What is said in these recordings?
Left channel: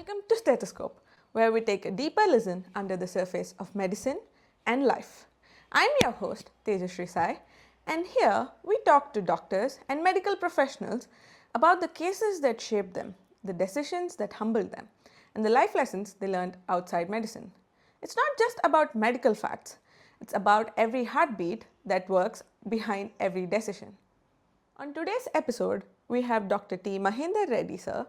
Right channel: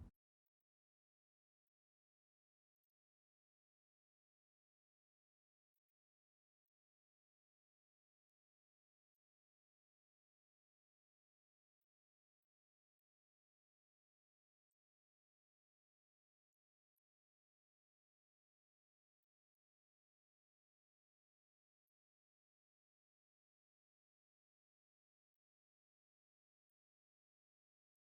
Welcome to Steth-a-scope, where we take a deeper listen under the surface of medicine and life. I'm your host, Tejashree Sai, and here we talk to doctors and medical professionals about the cases that shaped them, the decisions that humbled them, and the life lessons they learned outside medicine. It's not just about medical facts, it's about every heartbeat that works behind every decision. On today's episode, we have Dr.T. MAHENDER Reddy sir,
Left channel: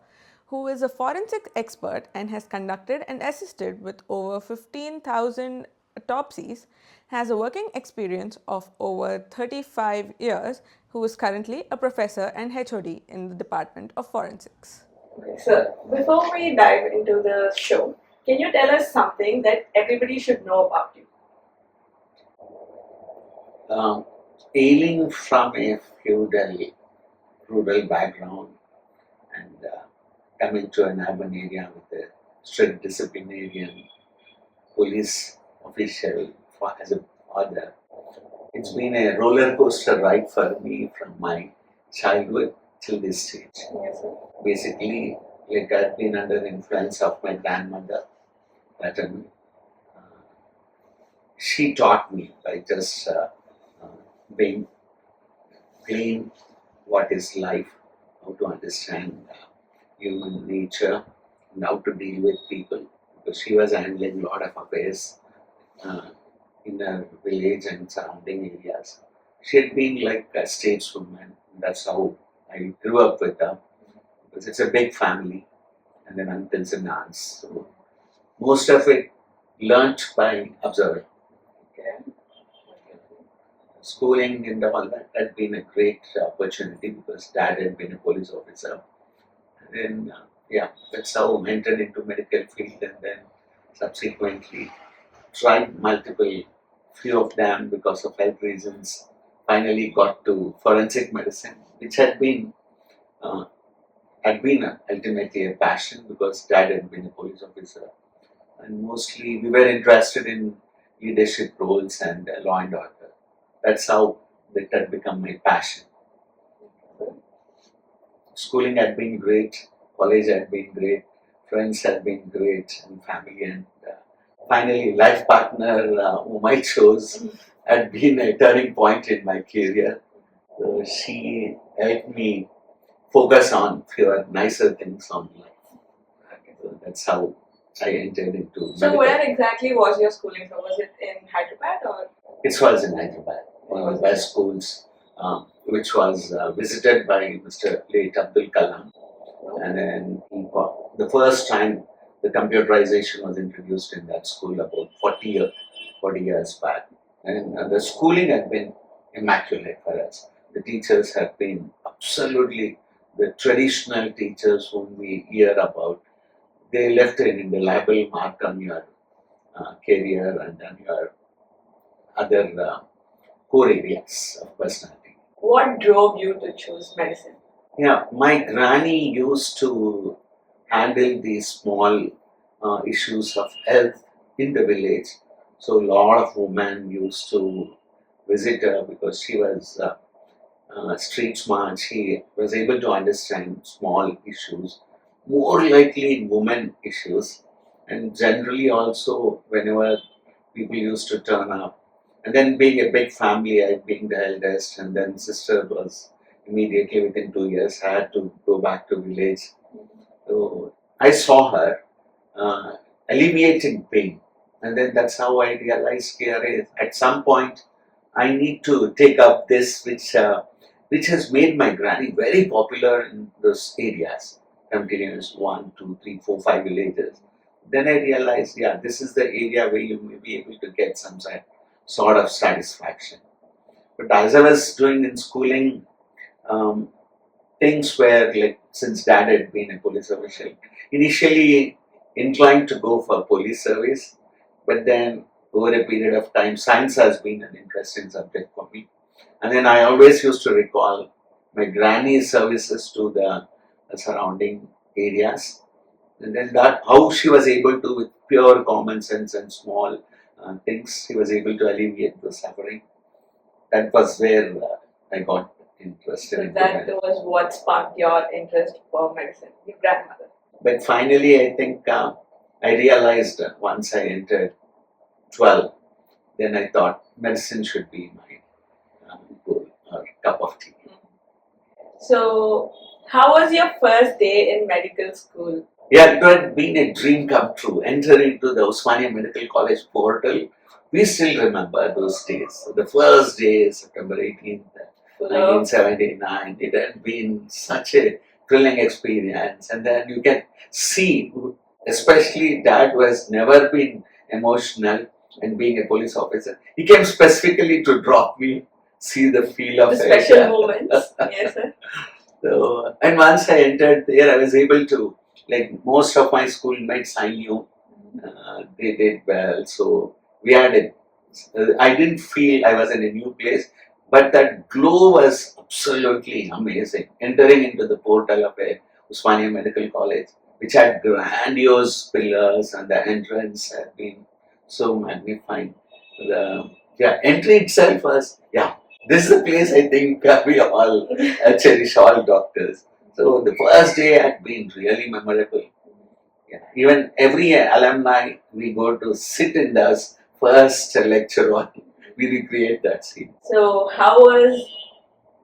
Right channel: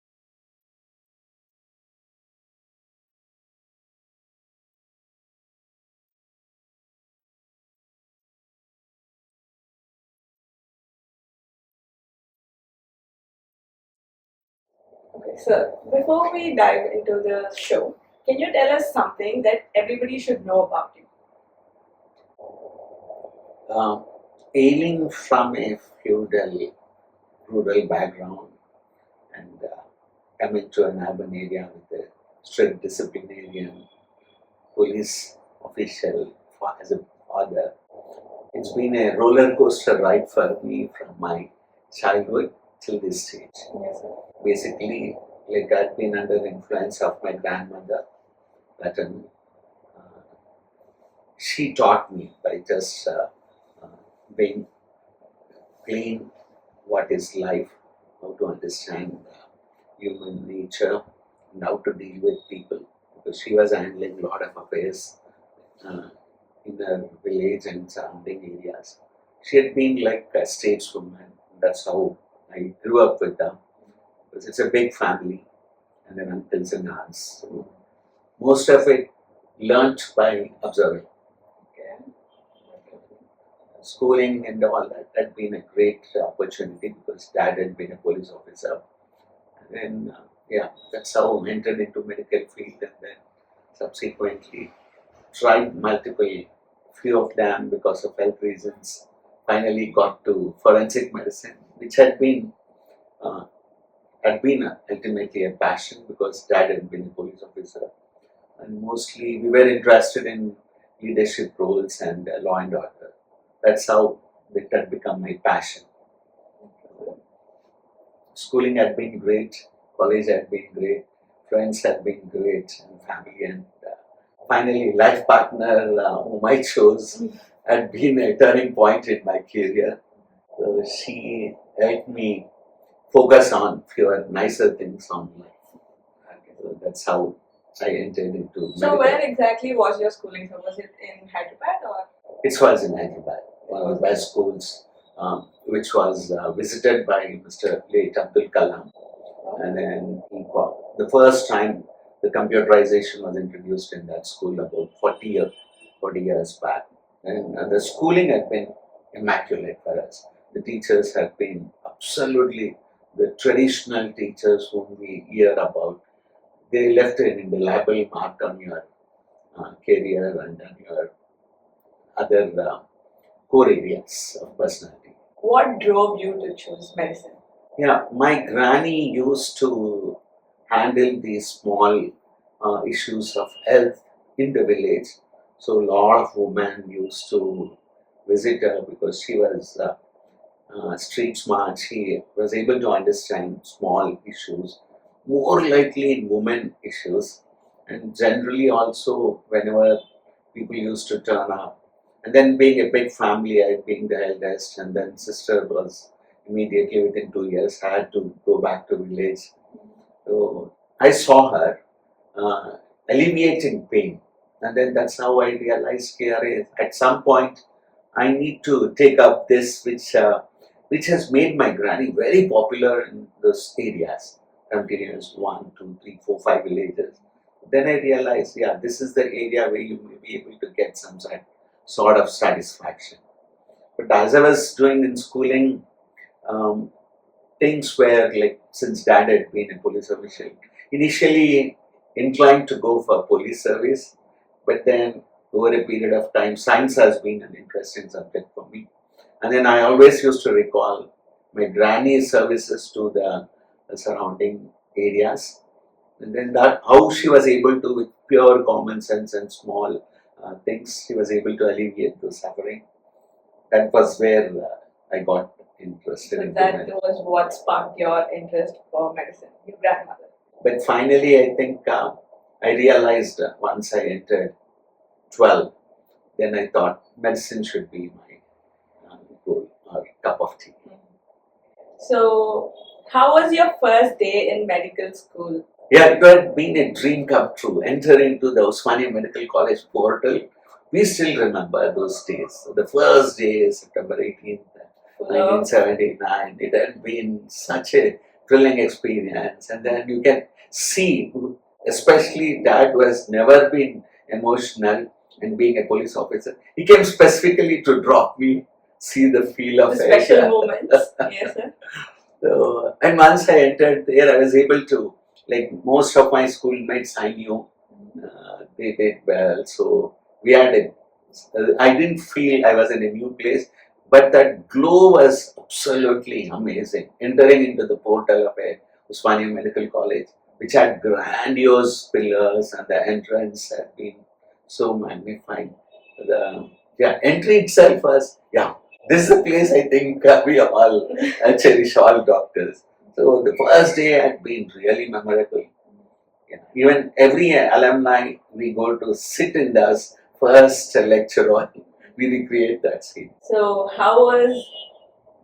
who is a forensic expert and has conducted and assisted with over 15,000 autopsies, has a working experience of over 35 years, who is currently a professor and HOD in the Department of Forensics. Okay, so before we dive into the show, can you tell us something that everybody should know about you? Ailing from a rural background and coming to an urban area with a strict disciplinarian police official as a father, it's been a roller coaster ride for me from my childhood till this stage. Yes, sir. Basically, like I've been under the influence of my grandmother, paternal. She taught me by just being plain what is life, how to understand human nature, and how to deal with people. Because she was handling a lot of affairs uh, in her village and surrounding areas. She had been like a stateswoman. That's how I grew up with her. Because it's a big family, and then uncles and aunts. So most of it learnt by observing. Okay. Schooling and all that had been a great opportunity because dad had been a police officer. And then, that's how I entered into medical field and then subsequently tried multiple, few of them because of health reasons. Finally got to forensic medicine, which uh, had been ultimately a passion because dad had been a police officer. And mostly we were interested in leadership roles and law and order. That's how that had become my passion. Schooling had been great, college had been great, friends had been great, and family. And finally, life partner whom I chose had been a turning point in my career. So she helped me focus on fewer nicer things on life. So that's how I entered into So medical. where exactly was your schooling? So was it in Hyderabad or? It was in Hyderabad, one of the best schools, which was visited by Mr. late Abdul Kalam. And then the first time the computerization was introduced in that school about 40 years back. And the schooling had been immaculate for us. The teachers have been absolutely the traditional teachers whom we hear about. They left an indelible mark on your career and on your other core areas of personality. What drove you to choose medicine? Yeah, my granny used to handle these small issues of health in the village. So a lot of women used to visit her because she was street smart. She was able to understand small issues, more likely in women issues, and generally also whenever people used to turn up. And then being a big family, I being the eldest, and then sister was immediately within 2 years. I had to go back to village. So I saw her alleviating pain, and then that's how I realized here is at some point I need to take up this, which has made my granny very popular in those areas, continuous 1, 2, 3, 4, 5 villages. Then I realized, yeah, this is the area where you may be able to get some sort of satisfaction. But as I was doing in schooling, um, things were like, since dad had been a police official, initially inclined to go for police service, but then over a period of time, science has been an interesting subject for me. And then I always used to recall my granny's services to the surrounding areas. And then that how she was able to, with pure common sense and small things, she was able to alleviate the suffering. That was where I got interested So in that was what sparked your interest for medicine, your grandmother. But finally, I think I realized once I entered 12, then I thought medicine should be my goal or cup of tea. So, how was your first day in medical school? Yeah, it had been a dream come true. Entering into the Osmania Medical College portal, we still remember those days. The first day, September 18th, Full of 1979, it had been such a thrilling experience. And then you can see, especially Dad who has never been emotional and being a police officer, he came specifically to drop me, see the feel of the it. special moments. Yes, sir. So, and once I entered there, I was able to, like most of my schoolmates I knew, they did well. So we had a, I didn't feel I was in a new place, but that glow was absolutely amazing. Entering into the portal of a Usmania Medical College, which had grandiose pillars, and the entrance had been so magnifying. The entry itself was, this is the place I think we all cherish, all doctors. So the first day had been really memorable. Yeah. Even every alumni we go to sit in the first lecture on, we recreate that scene. So, how was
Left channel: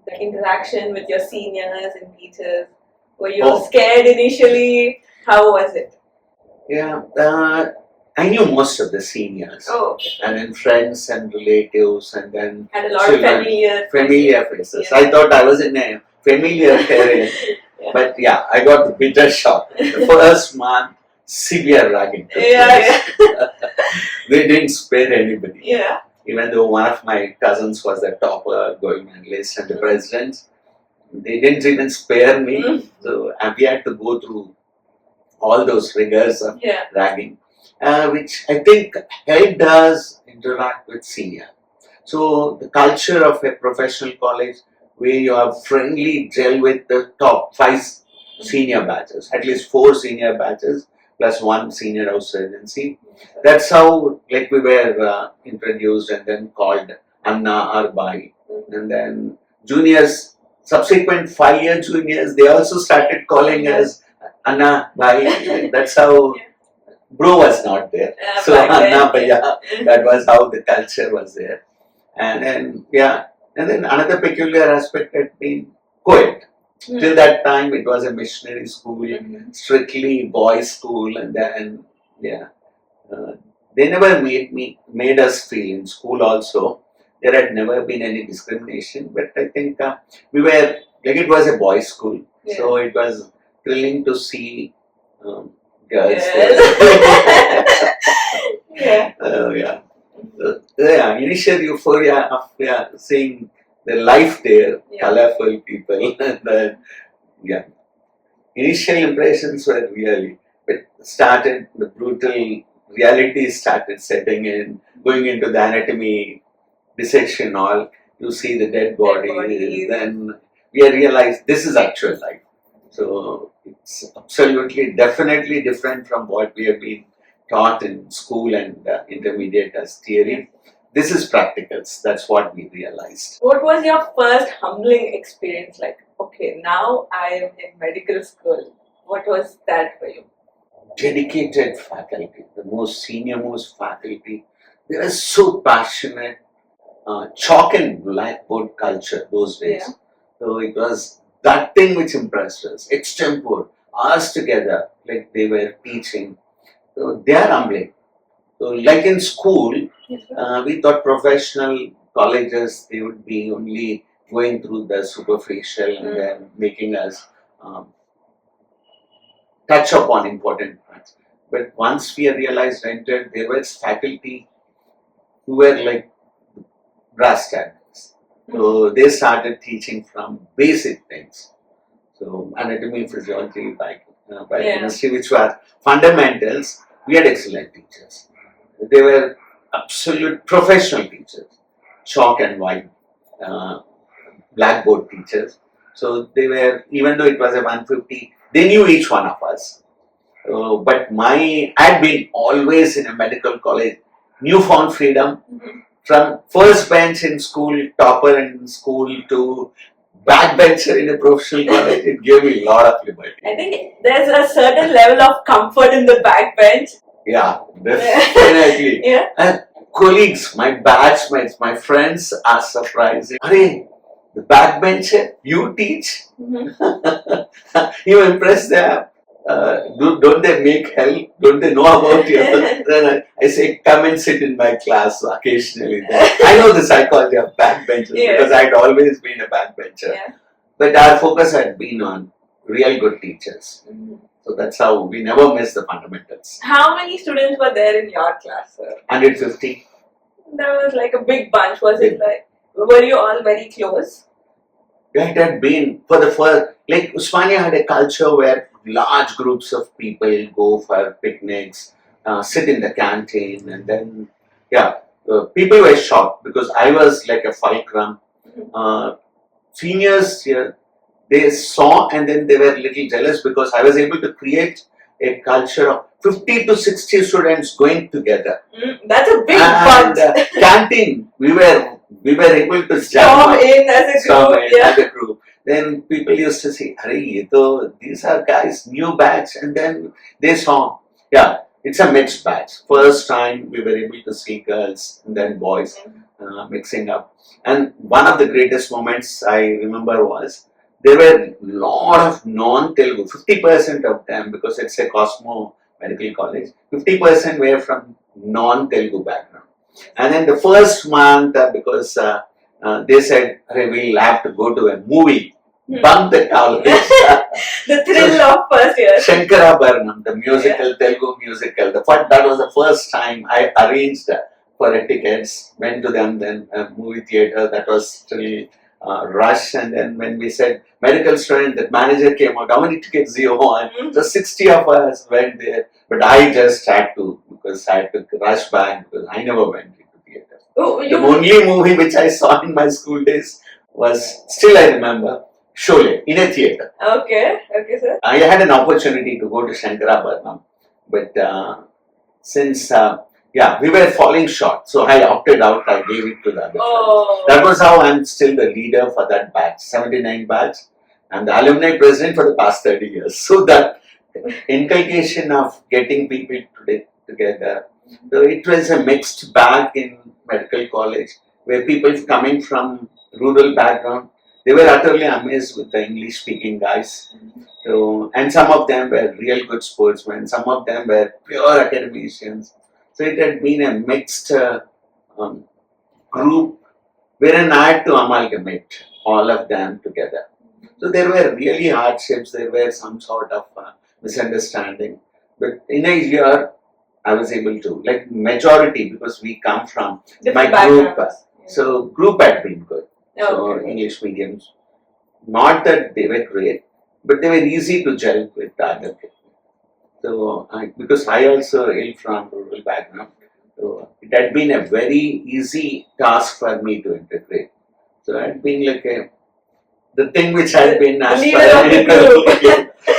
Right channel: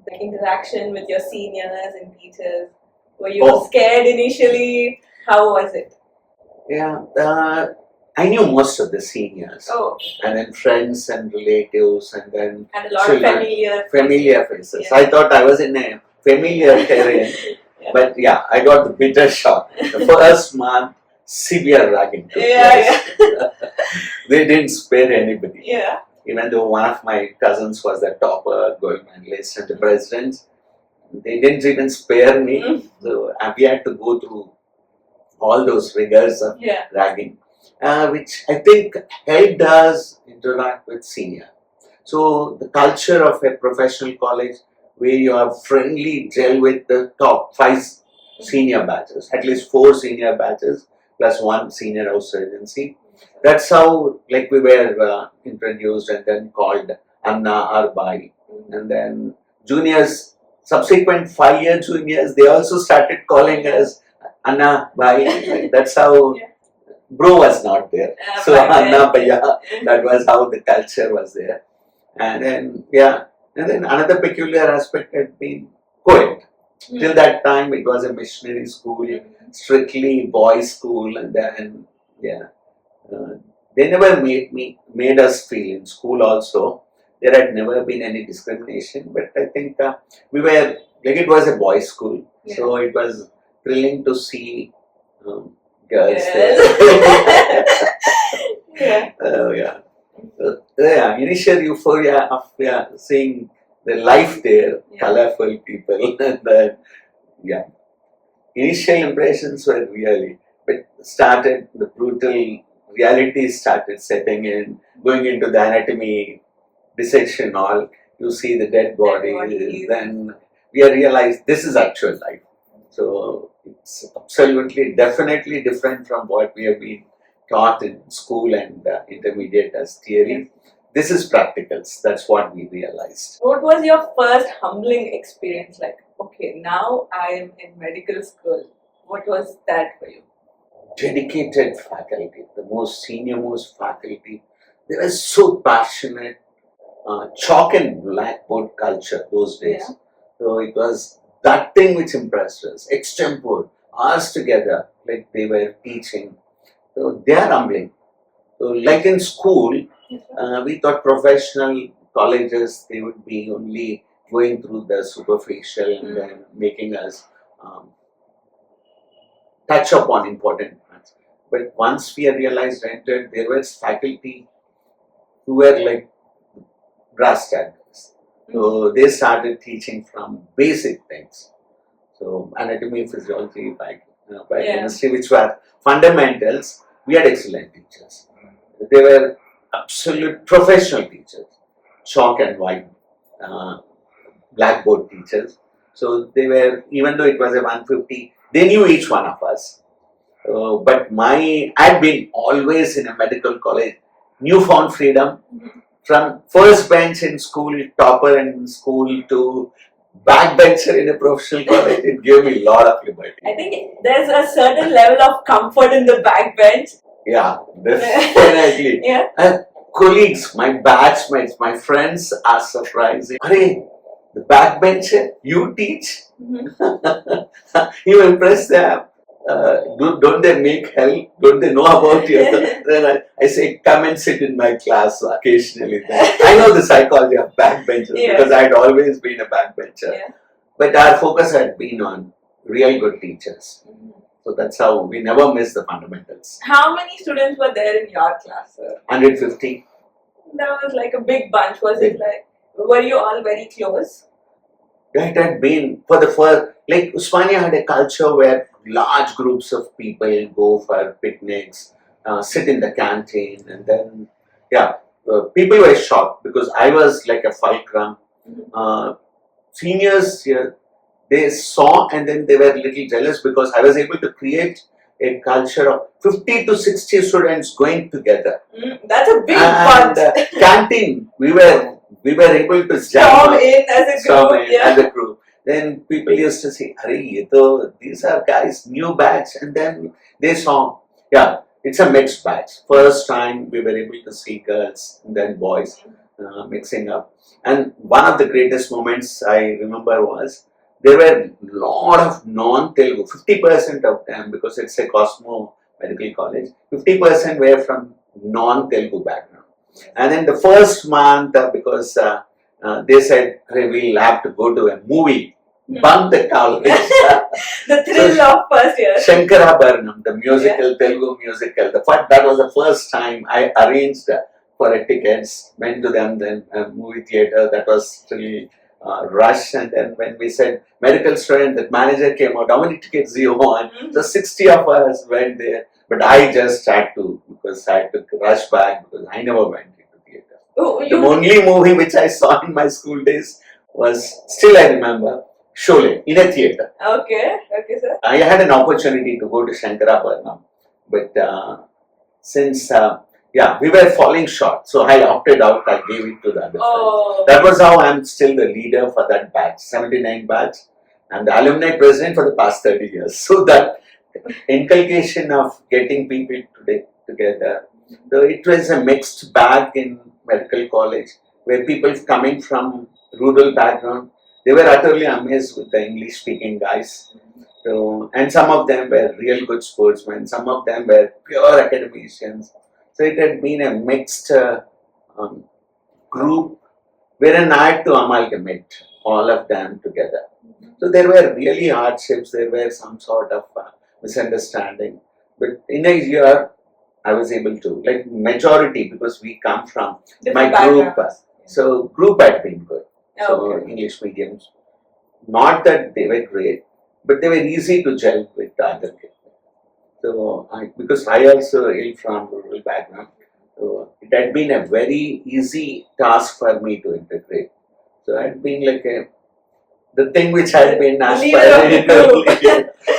the interaction with your seniors and teachers? Were you scared initially? How was it? Yeah, I knew most of the seniors. Oh, okay. And then friends and relatives, and then And a lot of familiar faces. Yeah. I thought I was in a familiar terrain, Yeah. but I got the bitter shock. The first month, severe ragging took place. They didn't spare anybody. Yeah. Even though one of my cousins was the topper, going on list, and the president, they didn't even spare me. So we had to go through all those rigors of ragging, which I think helped us interact with senior. So the culture of a professional college where you have friendly gel with the top 5 senior batches, at least 4 senior batches plus 1 senior house residency. That's how we were introduced and then called Anna or Bai. And then juniors, subsequent 5-year juniors, they also started calling us Anna, Bai. That's how bro was not there. So Anna, Bhaiya, that was how the culture was there. And then and then another peculiar aspect had been co-ed. Till that time, it was a missionary school, strictly boys' school, and then they never made us feel in school. Also, there had never been any discrimination. But I think we were it was a boys' school, so it was thrilling to see girls there. Initial euphoria of seeing the life there, colorful people, and then initial impressions were really, but the brutal reality started setting in, going into the anatomy dissection hall, you see the dead bodies, then we realized this is actual life. So it's absolutely, definitely different from what we have been taught in school and intermediate as theory. This is practicals. That's what we realized. What was your first humbling experience like? Okay, now I am in medical school. What was that for you? Dedicated faculty, the most senior most faculty. They were so passionate. Chalk and blackboard culture those days. So it was that thing which impressed us. Extempore, hours together, like they were teaching. So they are humbling. So like in school, we thought professional colleges, they would be only going through the superficial and then making us touch upon important points. But once we realized, entered, there was faculty who were like brass tacks. So they started teaching from basic things. So anatomy, physiology, biochemistry, which were fundamentals. We had excellent teachers. They were absolute professional teachers, chalk and white, blackboard teachers. So they were, even though it was a 150, they knew each one of us. But I had been always in a medical college, newfound freedom. From first bench in school, topper in school, to backbencher in a professional college, it gave me a lot of liberty. I think there's a certain level of comfort in the backbench. Yeah, definitely. Yeah. And colleagues, my batchmates, my friends are surprising. Hey, the backbencher, you teach? You impress them. Don't they make help? Don't they know about you? Then I say, come and sit in my class occasionally. I know the psychology of backbenchers because I'd always been a backbencher. Yeah. But our focus had been on real good teachers. So that's how we never miss the fundamentals. How many students were there in your class, sir? 150. That was like a big bunch. Was it like, were you all very close? Yeah, it had been for the first, like Usmania had a culture where large groups of people go for picnics, sit in the canteen, and then, people were shocked because I was like a fulcrum. Seniors, they saw and then they were a little jealous because I was able to create a culture of 50 to 60 students going together. That's a big bunch. Canteen, we were able to Storm in as a group. Then people used to say, "Arey, these are guys, new batch," and then they saw, it's a mixed batch. First time we were able to see girls and then boys mixing up. And one of the greatest moments I remember was there were a lot of non-Telugu, 50% of them, because it's a Cosmo Medical College, 50% were from non-Telugu background. And then the first month, because they said, we'll have to go to a movie, bunk the college. The thrill of first year. Shankarabharanam, the musical, Telugu musical. That was the first time I arranged for tickets, went to them, then movie theater. That was still rush. And then when we said medical student, that manager came out, how many tickets do you want? So 60 of us went there. But I just had to, because I had to rush back because I never went into theater. The only movie which I saw in my school days was, still I remember, Sholay, in a theater. Okay, sir. I had an opportunity to go to Shankarabharanam, but since we were falling short, so I opted out. I gave it to the other friends. That was how I'm still the leader for that batch, 79 batch. I'm the alumni president for the past 30 years. So that inculcation of getting people together. So it was a mixed bag in medical college, where people coming from rural background, they were utterly amazed with the English speaking guys. So, and some of them were real good sportsmen, some of them were pure academicians. So it had been a mixed group wherein I had to amalgamate all of them together. So there were really hardships, there were some sort of misunderstanding. But in a year, I was able to, like majority, because we come from different my group. So group had been good. So English mediums, not that they were great, but they were easy to gel with the other people. So because I also hail from rural background, so it had been a very easy task for me to integrate. So I had been like the thing which had been aspiring.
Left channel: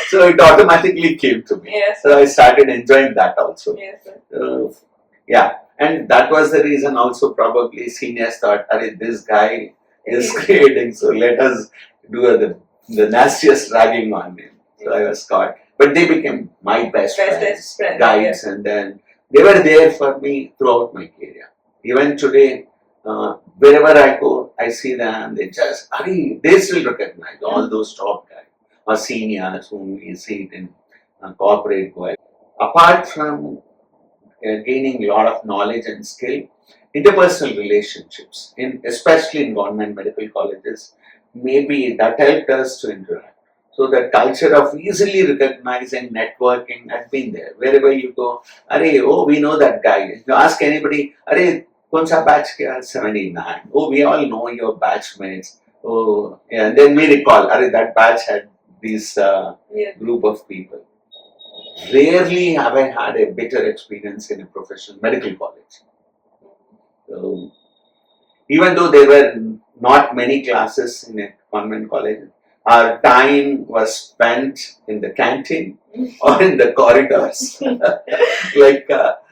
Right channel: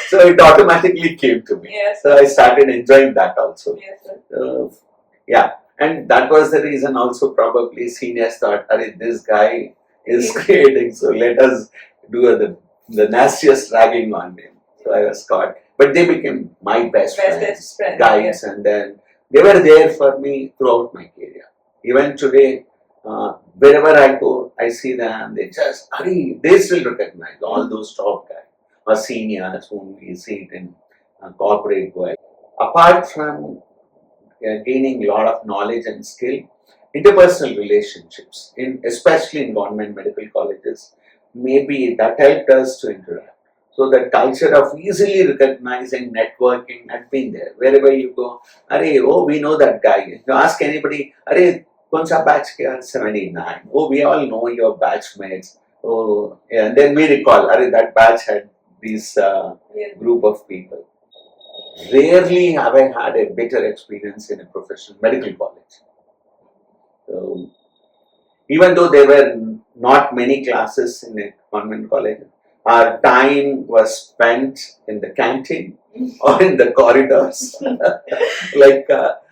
So it automatically came to me. Yes. So I started enjoying that also. Yes, sir. And that was the reason also probably seniors thought, this guy is creating, so let us do the nastiest ragging on him. So I was caught. But they became my best friends, guides, and then they were there for me throughout my career. Even today, wherever I go, I see them, they still recognize all those top guys or seniors whom we see it in corporate world. Apart from gaining a lot of knowledge and skill, interpersonal relationships, especially in government medical colleges, maybe that helped us to interact. So the culture of easily recognizing networking had been there. Wherever you go, we know that guy. You ask anybody, Konsa batch kya? 79. Oh, we all know your batchmates. Oh, yeah. And then we recall, that batch had this group of people. Rarely have I had a better experience in a professional medical college. So, even though there were not many classes in a convent college, our time was spent in the canteen or in the corridors.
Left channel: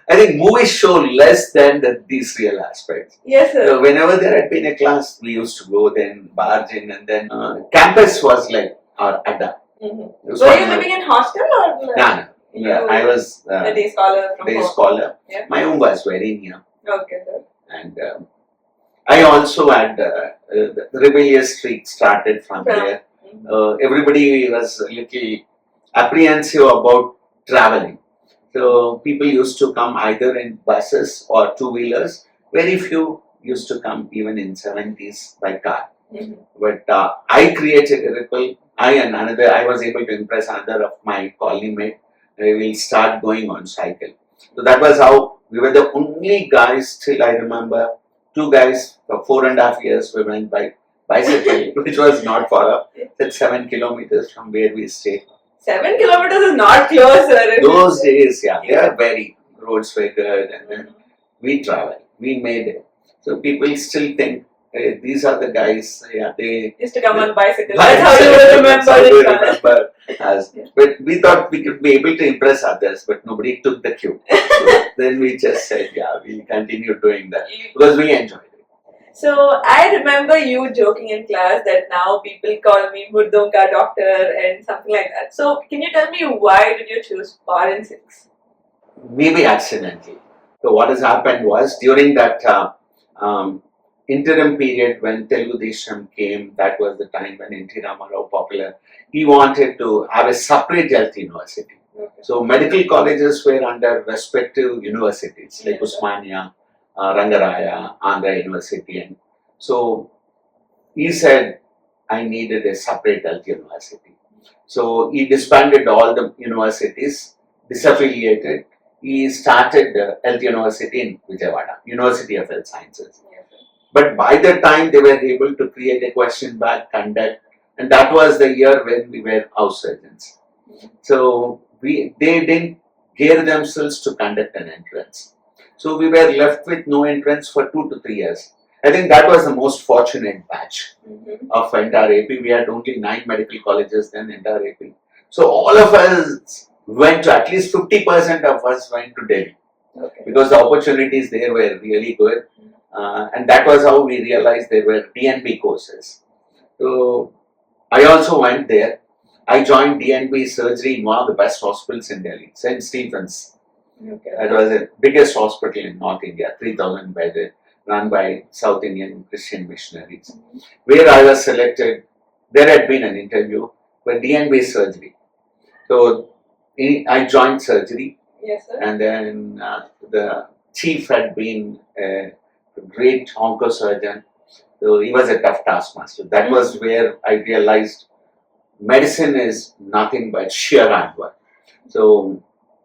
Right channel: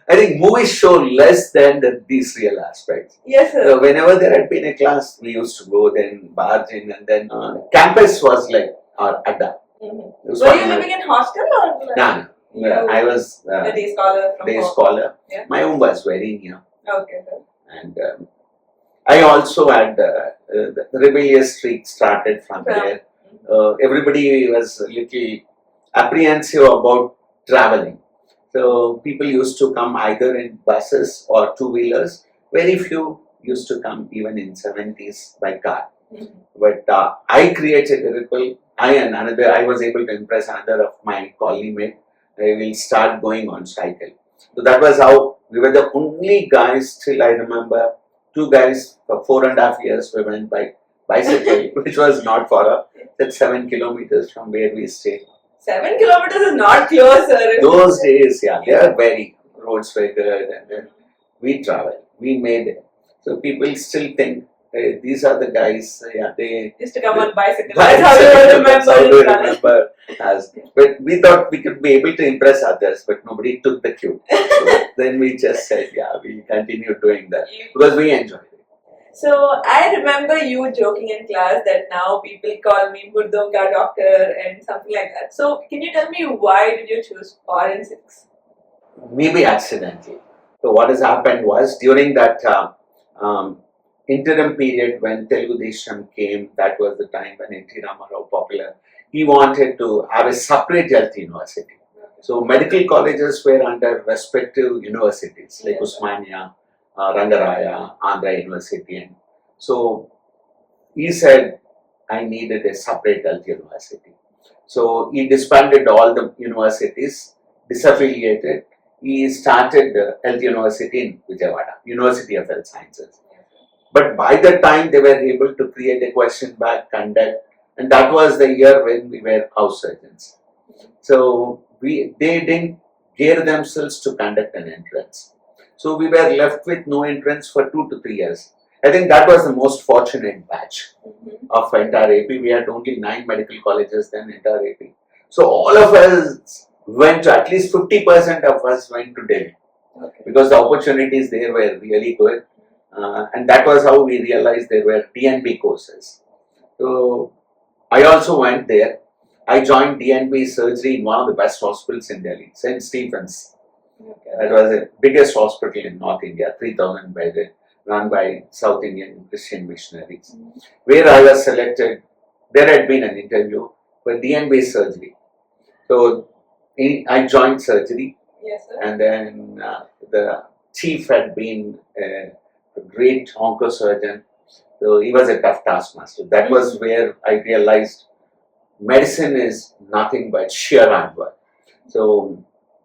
I think movies show less than these real aspects. Yes, sir. So whenever there had been a class, we used to go, then barge in, and then campus was like our adda. Mm-hmm. Were you living in hostel or? No. I was a day scholar from day home. scholar. Yeah. My home was very near. Okay, sir. And I also had the rebellious streak started from there. Everybody was a little apprehensive about traveling. So people used to come either in buses or two-wheelers. Very few used to come even in 70s by car. Mm-hmm. But I created a ripple. I was able to impress another of my colleague mate. We will start going on cycle. So that was how we were the only guys till I remember. Two guys for 4.5 years we went by bicycle, which was not far off. That's 7 kilometers from where we stayed. 7 kilometers is not close, sir. Those days, yeah, they are very roads were good, and then we traveled. We made it. So people still think these are the guys. Yeah, they used to come on bicycle. That's how you remember us. But we thought we could be able to impress others, but nobody took the cue. So then we just said, yeah, we'll continue doing that because we enjoyed it. So I remember you joking in class that now people call me Murdon ka doctor and something like that. So can you tell me why did you choose forensics? Maybe accidentally. So what has happened was during that interim period when Telugu Desham came, that was the time when N.T. Ramarao popular. He wanted to have a separate health university. Okay. So medical colleges were under respective universities like Usmania, Rangaraya, Andhra University. And so he said, I needed a separate health university. So he disbanded all the universities, disaffiliated. He started the Health University in Vijayawada, University of Health Sciences. But by the time they were able to create a question bank, conduct, and that was the year when we were house surgeons. So they didn't gear themselves to conduct an entrance. So we were left with no entrance for 2 to 3 years. I think that was the most fortunate batch of entire AP. We had only 9 medical colleges then, entire AP. So all of us went to, at least 50% of us went to Delhi. Okay. Because the opportunities there were really good. And that was how we realized there were DNB courses. So I also went there. I joined DNB surgery in one of the best hospitals in Delhi, St. Stephen's. Okay. That was the biggest hospital in North India, 3,000 bedded, run by South Indian Christian missionaries. Where I was selected, there had been an interview for DNB surgery. So I joined surgery. Yes, sir. And then the chief had been a great oncosurgeon. So he was a tough taskmaster. That was where I realized medicine is nothing but sheer hard work. So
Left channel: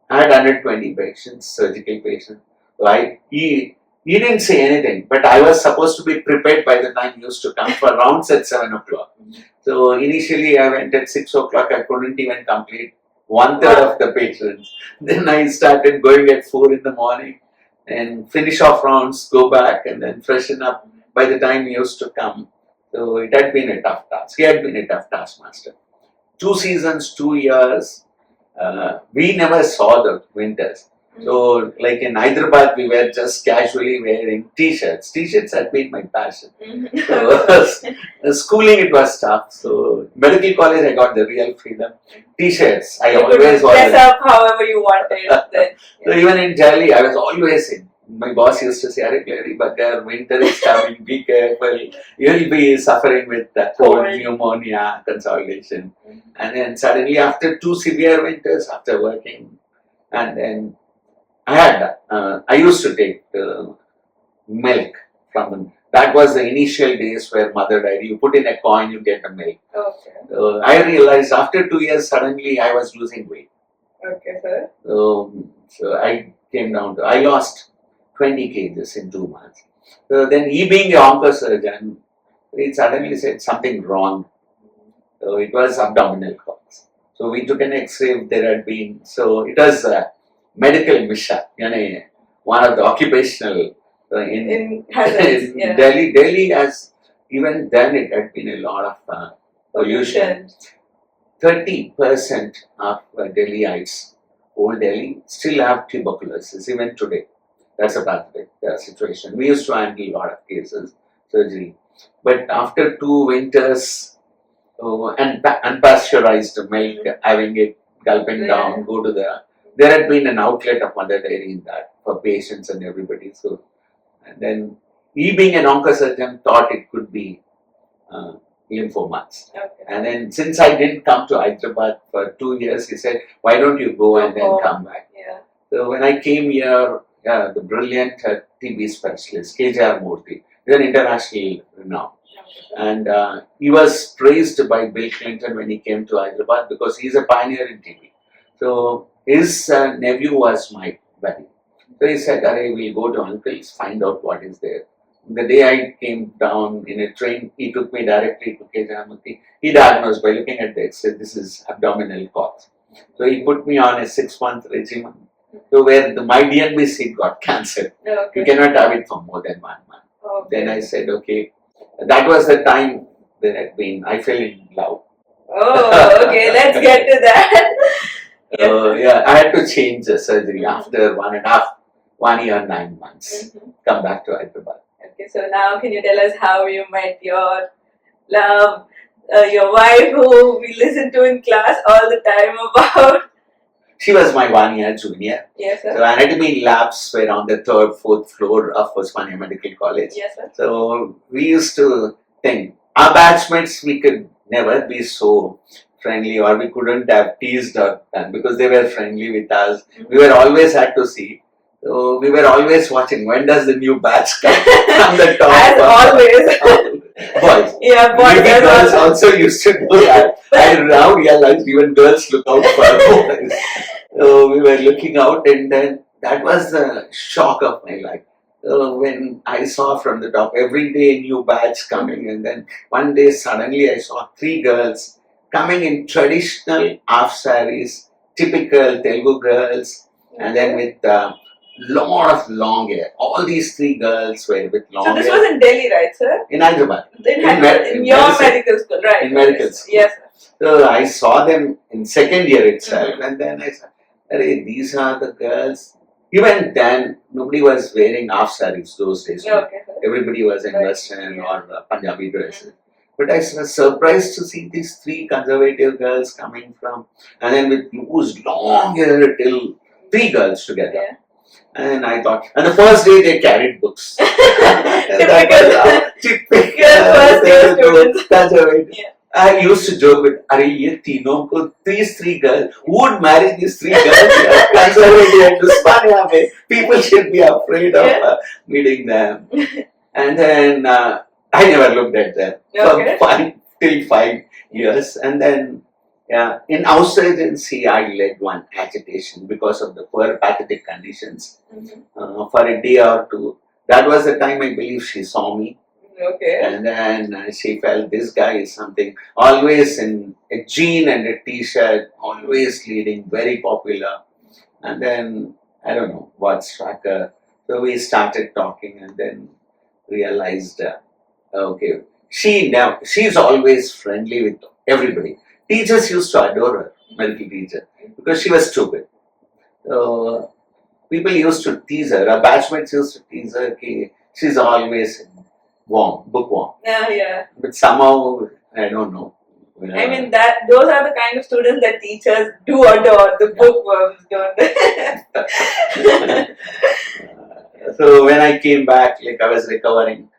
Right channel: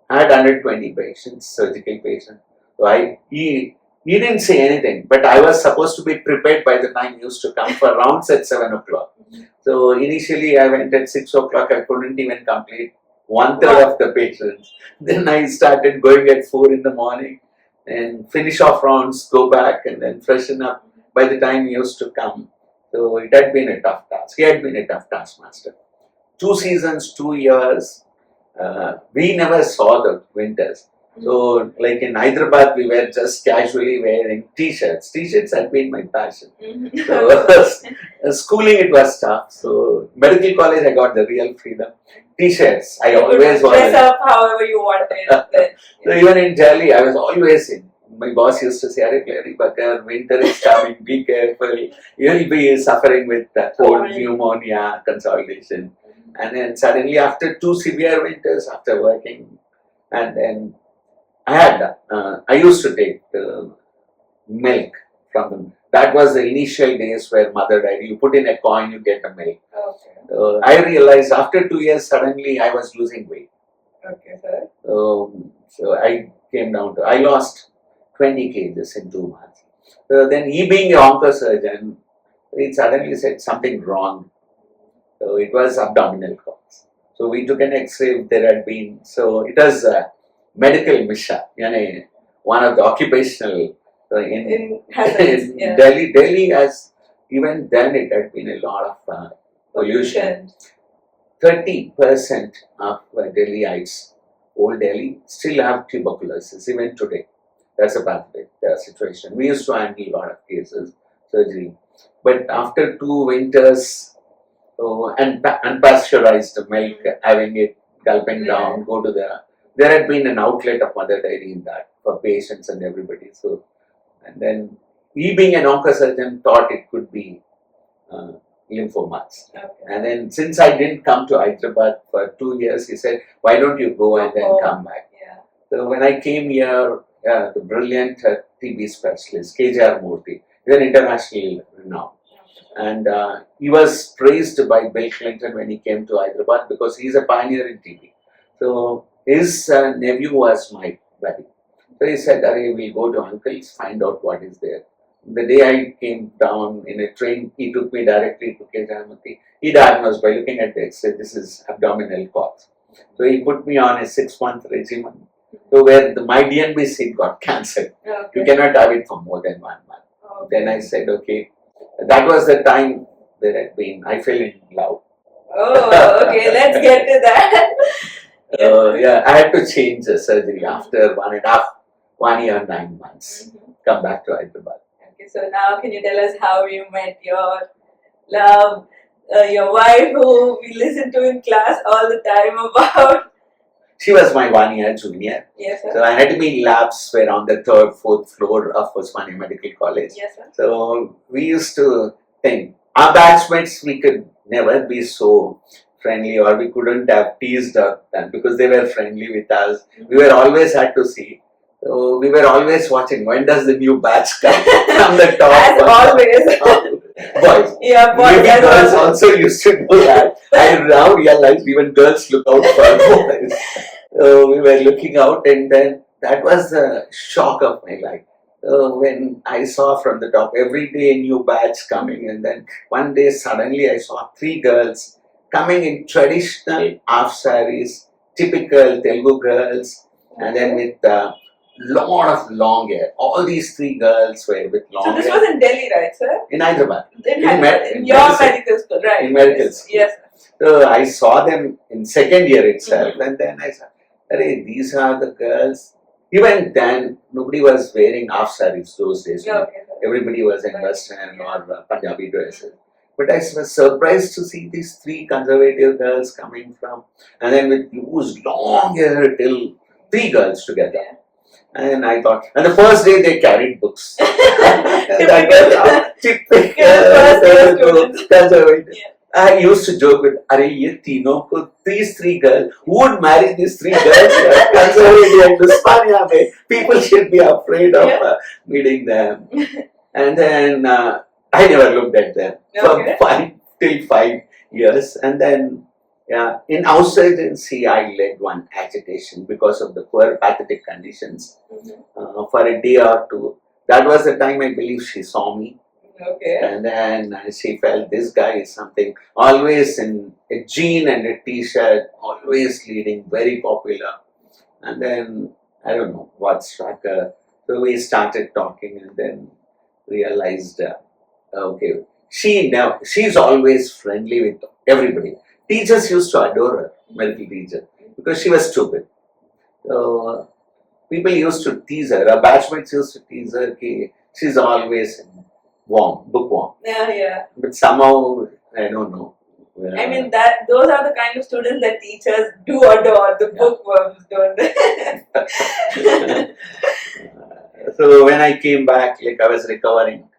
I had 120 patients, surgical patients. So he didn't say anything, but I was supposed to be prepared by the time he used to come for rounds at 7 o'clock. So initially I went at 6 o'clock, I couldn't even complete 1/3 of the patients. Then I started going at 4 in the morning and finish off rounds, go back and then freshen up by the time he used to come. So it had been a tough task. He had been a tough taskmaster. 2 seasons, 2 years, we never saw the winters. So like in Hyderabad, we were just casually wearing t-shirts. T-shirts had been my passion. So schooling, it was tough. So medical college, I got the real freedom. T-shirts, I always was. Dress up however you wanted. Then, So even in Delhi, I was always in. My boss used to say, "Arey, Clary, Bakar, winter is coming, be careful. You'll be suffering with that cold, pneumonia, consolidation." And then suddenly after 2 severe winters, after working, and then I used to take milk from them. That was the initial days where mother died. You put in a coin, you get a milk. Okay. I realized after 2 years, suddenly I was losing weight. Okay, sir. So I came down to, I lost 20 kgs in 2 months. So then he being a oncosurgeon, he suddenly said something wrong. So it was abdominal cause. So we took an X-ray, there had been, so it was medical misha, one of the occupational in Delhi. Delhi has, even then it had been a lot of pollution. 30% of Delhiites old Delhi still have tuberculosis even today. That's a pathologic situation. We used to handle a lot of cases, surgery. But after 2 winters and unpasteurized milk, having it, gulping down, go to there had been an outlet of mother dairy in that for patients and everybody. So, and then he being an oncosurgeon thought it could be uh, lymphomas. Okay. And then since I didn't come to Hyderabad for 2 years, he said, why don't you go and then come back? Yeah. So when I came here, the brilliant TB specialist, KJR Murthy, he's an international renown. And he was praised by Bill Clinton when he came to Hyderabad because he's a pioneer in TB. So his nephew was my buddy. So he said, we'll go to uncle's, find out what is there. The day I came down in a train, he took me directly to KJR Murthy. He diagnosed by looking at the X-ray, this is abdominal cause. So he put me on a 6-month regimen. So where my DNB seed got cancelled. Okay. You cannot have it for more than 1 month. Okay. Then I said, okay. That was the time that I fell in love. Oh, okay. Let's get to that. Yeah, I had to change the surgery after 1 year, 9 months. Come back to Hyderabad. Okay, so now can you tell us how you met your love, your wife who we listen to in class all the time about? She was my 1 year junior. Yes, sir. So I had to be labs were on the 3rd, 4th floor of Osmania Medical College. Yes, sir. So we used to think our batchmates we could never be so friendly or we couldn't have teased or done because they were friendly with us. We were always had to see. So we were always watching when does the new batch come from the top. As always. Boys. Yeah, boys. Maybe girls also used to do that. I now realize even girls look out for boys. So we were looking out and then that was the shock of my life. When I saw from the top every day a new batch coming and then one day suddenly I saw 3 girls coming in traditional half sarees, typical Telugu girls, and then with lot of long hair. All these 3 girls were with long hair. So this was in Delhi, right, sir? In Hyderabad. In your medical school, right? In medical school. Yes. So I saw them in 2nd year itself and then I said, these are the girls. Even then, nobody was wearing half sarees those days. Okay, Everybody was in Western or Punjabi dresses. But I was surprised to see these 3 conservative girls coming from, and then with loose, long hair till 3 girls together. Yeah. And I thought, and the first day they carried books. Typical first year students. Conservative. Yeah. I used to joke with, these 3 girls, who would marry these 3 girls? Conservative and Uspania, people should be afraid of meeting them. And then I never looked at them from 5 till 5 years. And then, in house agency, I led one agitation because of the poor pathetic conditions for a day or two. That was the time I believe she saw me. Okay. And then she felt this guy is something, always in a jean and a t-shirt, always leading, very popular. And then, I don't know what struck her. So we started talking and then realized, okay, she's always friendly with everybody. Teachers used to adore her, medical teacher, because she was stupid. So people used to tease her, her batchmates used to tease her, she's always warm, bookworm. Yeah. But somehow, I don't know. I mean, those are the kind of students that teachers do adore, the bookworms, don't they? So when I came back, I was recovering,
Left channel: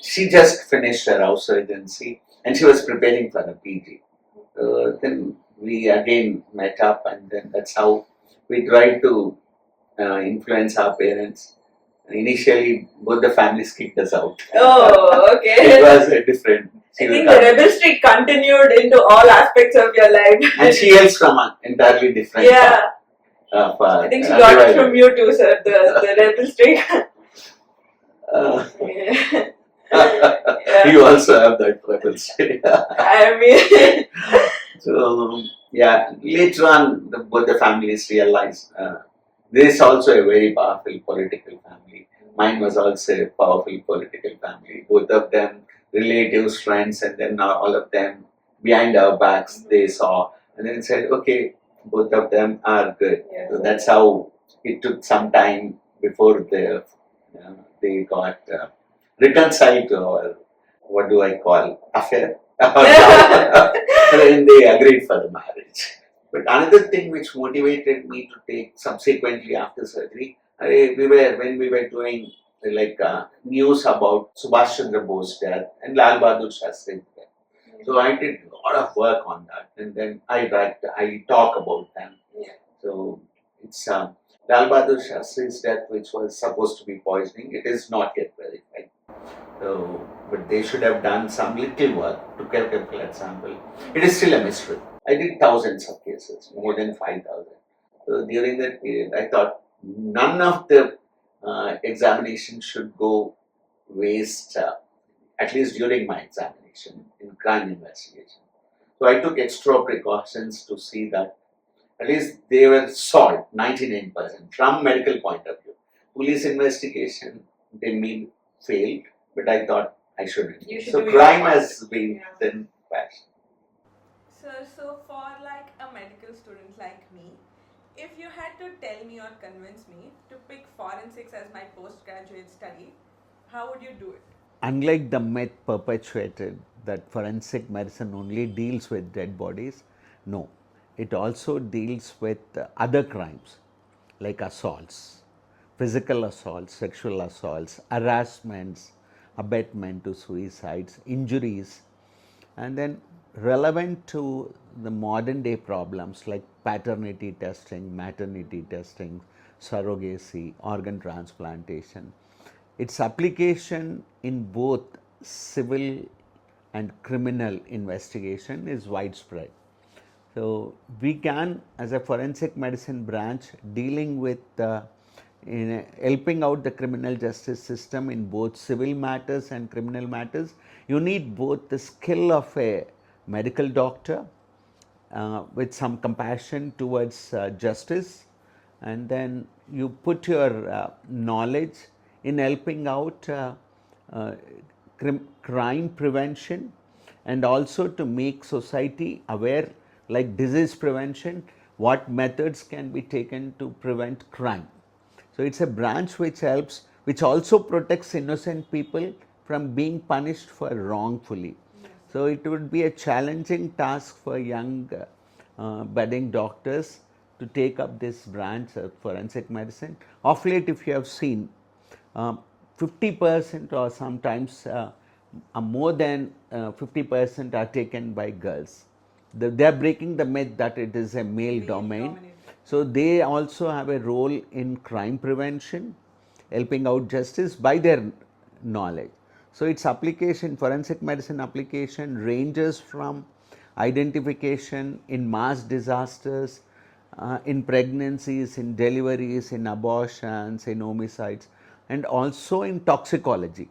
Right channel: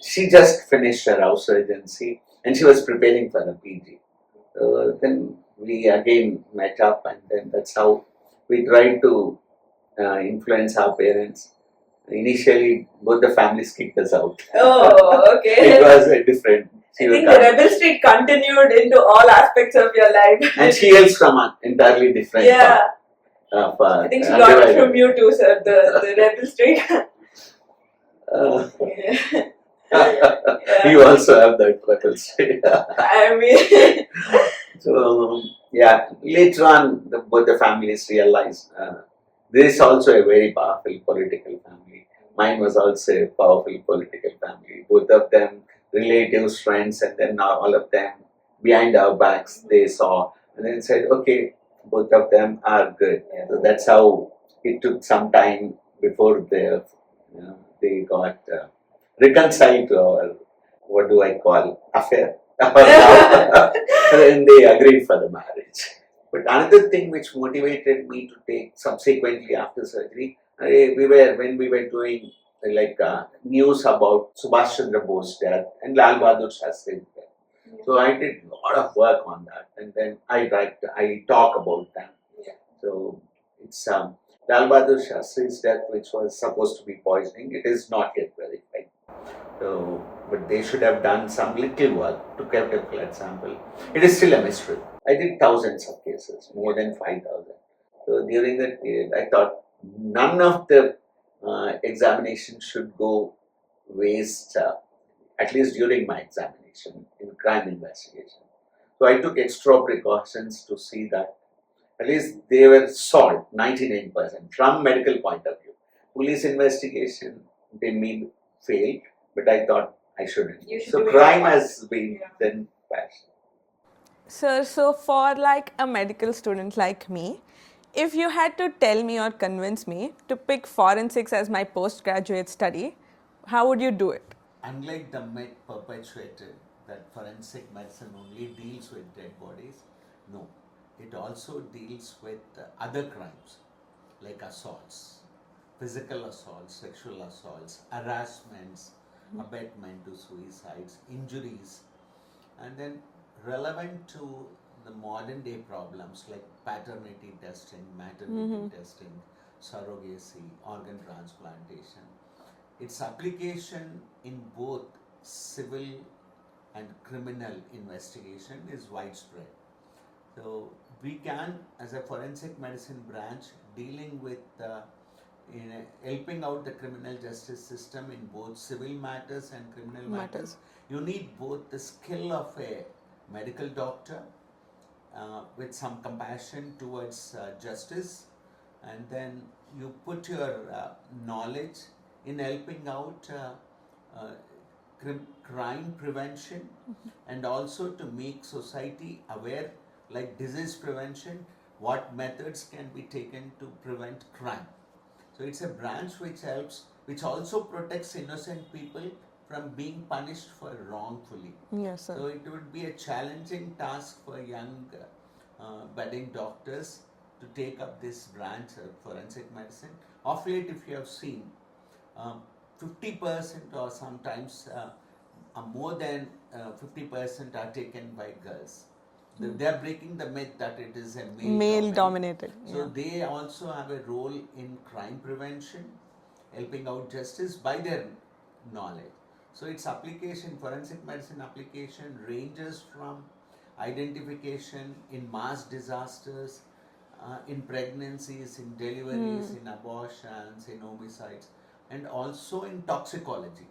she just finished her house agency and she was preparing for the PG. Then we again met up and then that's how we tried to influence our parents. Initially, both the families kicked us out. Oh, okay. It was different. I think the rebel streak continued into all aspects of your life. And she hails from an entirely different I think she got it from you too, sir, the rebel streak. You also have that rebel streak. I mean... So, later on, both the families realized this is also a very powerful political family. Mine was also a powerful political family. Both of them, relatives, friends, and then all of them behind our backs, they saw and then said, okay, both of them are good. Yeah. So that's how it took some time before they got reconciled to our, what do I call, affair or love, and they agreed for the marriage. But another thing which motivated me to take subsequently after surgery, when we were doing news about Subhash Chandra Bose's death and Lal Bahadur Shastri's death. So I did a lot of work on that, and then I talk about them. Yeah. So it's Lal Bahadur Shastri's death, which was supposed to be poisoning. It is not yet verified. So, but they should have done some little work to get a blood sample. It is still a mystery. I did thousands of cases, more than 5,000. So during that period, I thought none of the examination should go waste, at least during my examination in crime investigation. So I took extra precautions to see that at least they were solved 99% from medical point of view. Police investigation, they may failed, but I thought I shouldn't. So crime has been then passed. Sir, so for like a medical student like me, if you had to tell me or convince me to pick forensics as my postgraduate study, how would you do it? Unlike the myth perpetuated that forensic medicine only deals with dead bodies, no, it also deals with other crimes like assaults, physical assaults, sexual assaults, harassments, abetment to suicides, injuries, and then relevant to the modern day problems like paternity testing, maternity testing, surrogacy, organ transplantation. Its application in both civil and criminal investigation is widespread. So we can, as a forensic medicine branch, dealing with helping out the criminal justice system in both civil matters and criminal matters. You need both the skill of a medical doctor with some compassion towards justice, and then you put your knowledge in helping out crime prevention, and also to make society aware, like disease prevention, what methods can be taken to prevent crime. So it's a branch which helps, which also protects innocent people from being punished for wrongfully. Yes, sir. So it would be a challenging task for young budding doctors to take up this branch of forensic medicine. Of late, if you have seen, 50% or sometimes more than 50% are taken by girls. They are breaking the myth that it is a male dominated. So they also have a role in crime prevention, helping out justice by their knowledge. So its application, forensic medicine application, ranges from identification in mass disasters, in pregnancies, in deliveries, in abortions, in homicides, and also in toxicology.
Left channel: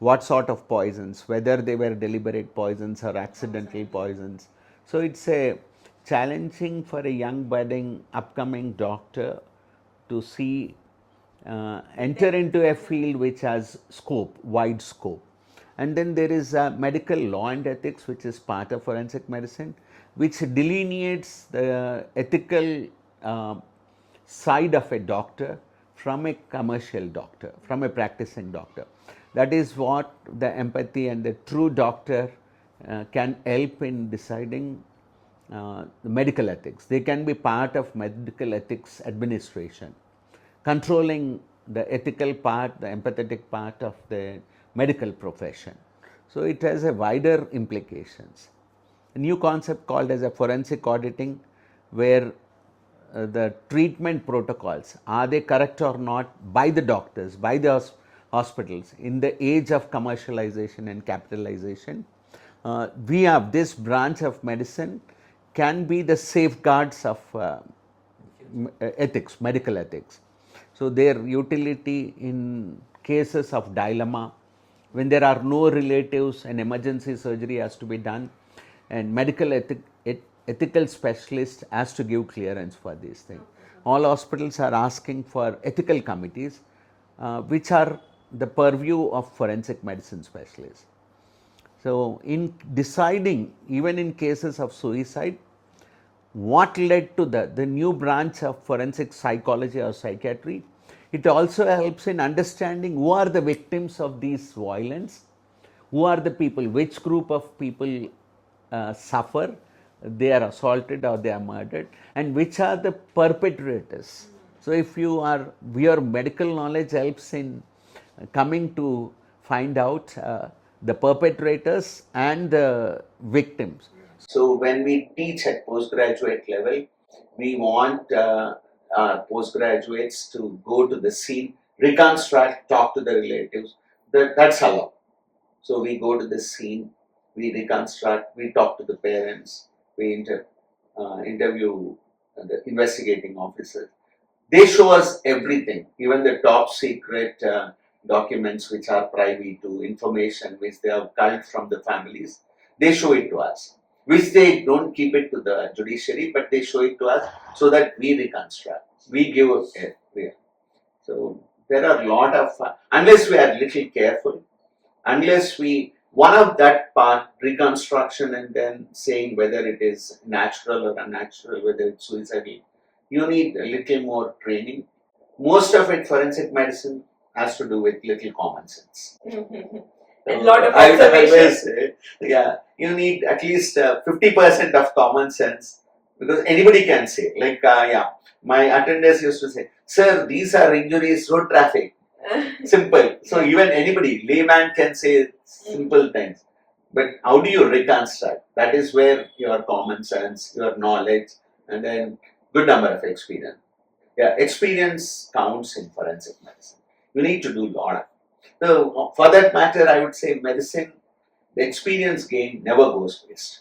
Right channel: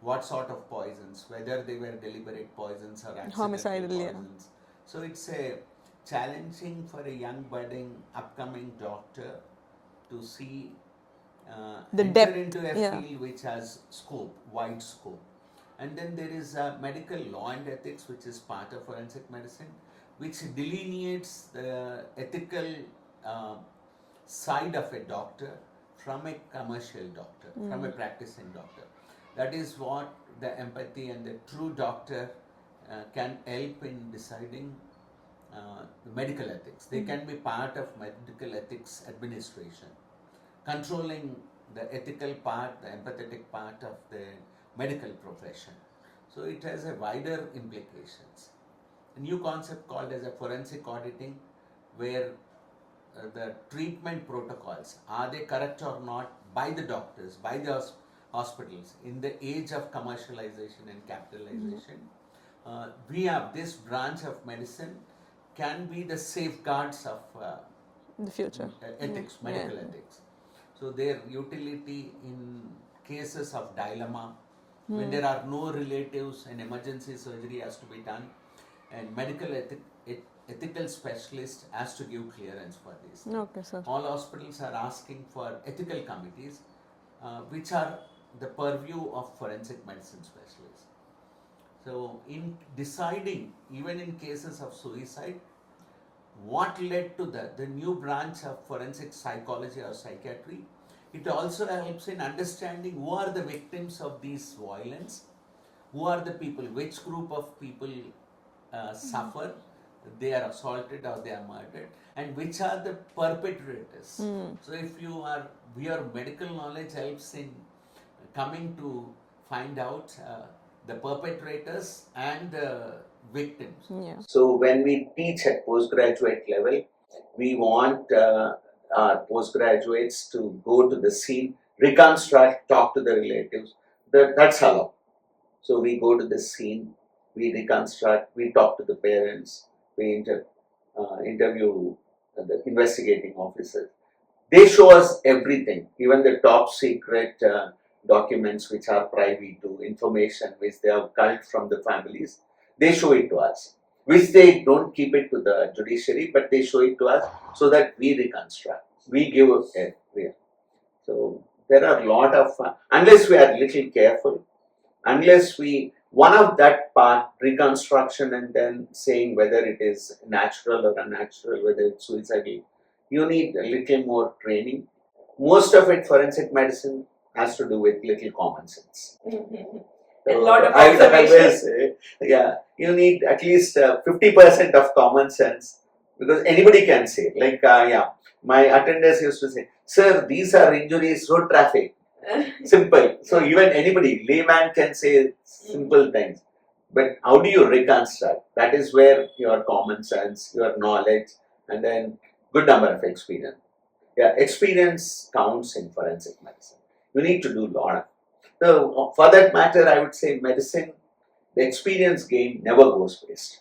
What sort of poisons, whether they were deliberate poisons or accidental Homicidal, yeah. poisons. So it's a challenging for a young budding upcoming doctor to see enter depth, into a yeah. field which has scope, wide scope. And then there is medical law and ethics, which is part of forensic medicine, which delineates the ethical side of a doctor from a commercial doctor, from a practicing doctor. That is what the empathy and the true doctor can help in deciding the medical ethics. They can be part of medical ethics administration, controlling the ethical part, the empathetic part of the medical profession. So it has a wider implications. A new concept called as a forensic auditing, where the treatment protocols, are they correct or not by the doctors, by the hospitals in the age of commercialization and capitalization. We have this branch of medicine can be the safeguards of The future. ethics, medical ethics. So their utility in cases of dilemma, when there are no relatives and emergency surgery has to be done, and medical ethical specialist has to give clearance for these things. Okay, sir. All hospitals are asking for ethical committees, which are the purview of forensic medicine specialists. So in deciding, even in cases of suicide, what led to the new branch of forensic psychology or psychiatry. It also helps in understanding who are the victims of these violence, who are the people, which group of people suffer, they are assaulted or they are murdered, and which are the perpetrators. So if your medical knowledge helps in coming to find out the perpetrators and the victims. So when we teach at postgraduate level, we want our postgraduates to go to the scene, reconstruct, talk to the relatives. That's allowed. So we go to the scene, we reconstruct, we talk to the parents, we interview the investigating officers. They show us everything, even the top secret documents which are privy to information which they have culled from the families. They show it to us, which they don't keep it to the judiciary, but they show it to us so that we reconstruct. We give it. So there are a lot of, unless we are little careful, unless we, one of that part, reconstruction and then saying whether it is natural or unnatural, whether it's suicidal, you need a little more training. Most of it, forensic medicine, has to do with little common sense. A lot of I observation. always say, yeah, you need at least 50% of common sense, because anybody can say, like, my attendants used to say, sir, these are injuries, road traffic. Simple. So even anybody, layman, can say simple things. But how do you reconstruct? That is where your common sense, your knowledge, and then good number of experience. Yeah, experience counts in forensic medicine. You need to do a lot of. So for that matter, I would say medicine, the experience gain never goes waste.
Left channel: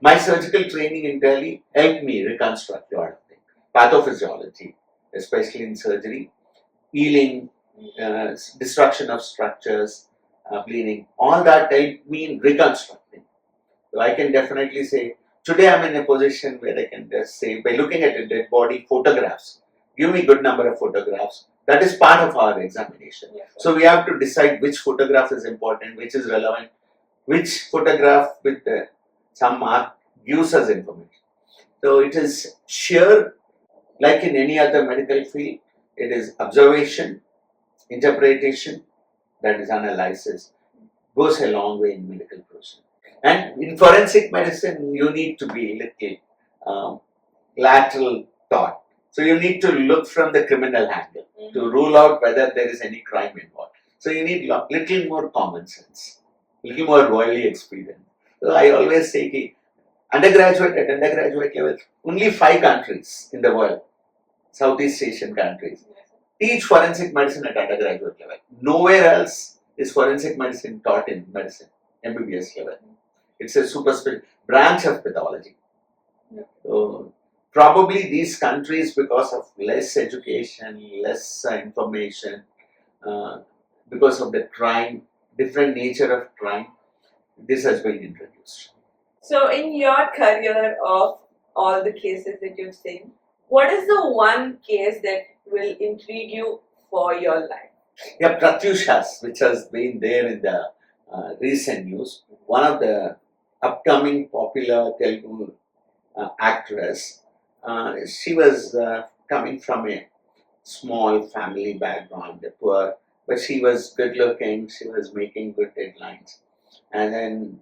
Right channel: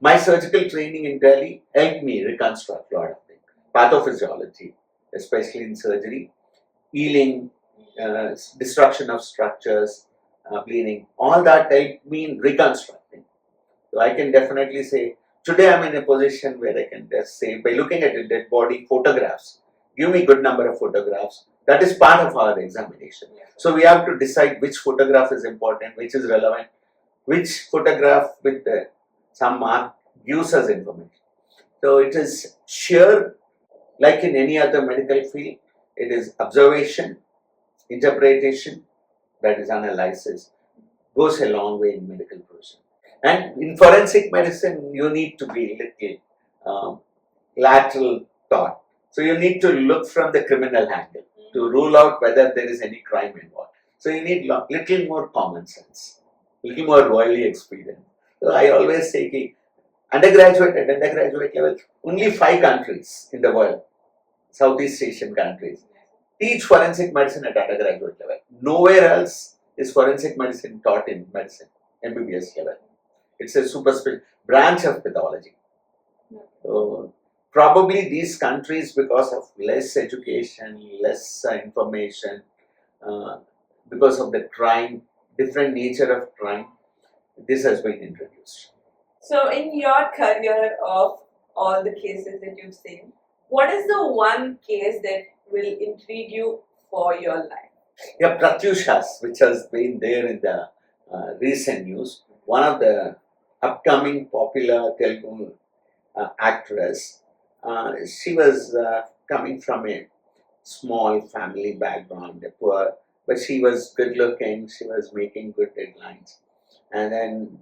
My surgical training in Delhi helped me reconstruct a lot of things. Pathophysiology, especially in surgery, healing, destruction of structures, bleeding, all that helped me in reconstructing. So I can definitely say, today I'm in a position where I can just say, by looking at a dead body, photographs, give me good number of photographs. That is part of our examination. Yes. So we have to decide which photograph is important, which is relevant, which photograph with some mark gives us information. So it is sheer, like in any other medical field, it is observation, interpretation, that is analysis, goes a long way in medical profession. And in forensic medicine, you need to be little lateral thought. So you need to look from the criminal angle to rule out whether there is any crime involved. So you need little more common sense, little more worldly experience. So I always say, undergraduate at undergraduate level, only 5 countries in the world, Southeast Asian countries, teach forensic medicine at undergraduate level. Nowhere else is forensic medicine taught in medicine, MBBS level. It's a super branch of pathology. So probably these countries, because of less education, less information, because of the crime, different nature of crime, this has been introduced. So, in your career of all the cases that you've seen, what is the one case that will intrigue you for your life? Yeah, Pratyushas, which has been there in the recent news, one of the upcoming popular Telugu actress. She was coming from a small family background, poor, but she was good looking, she was making good headlines. And then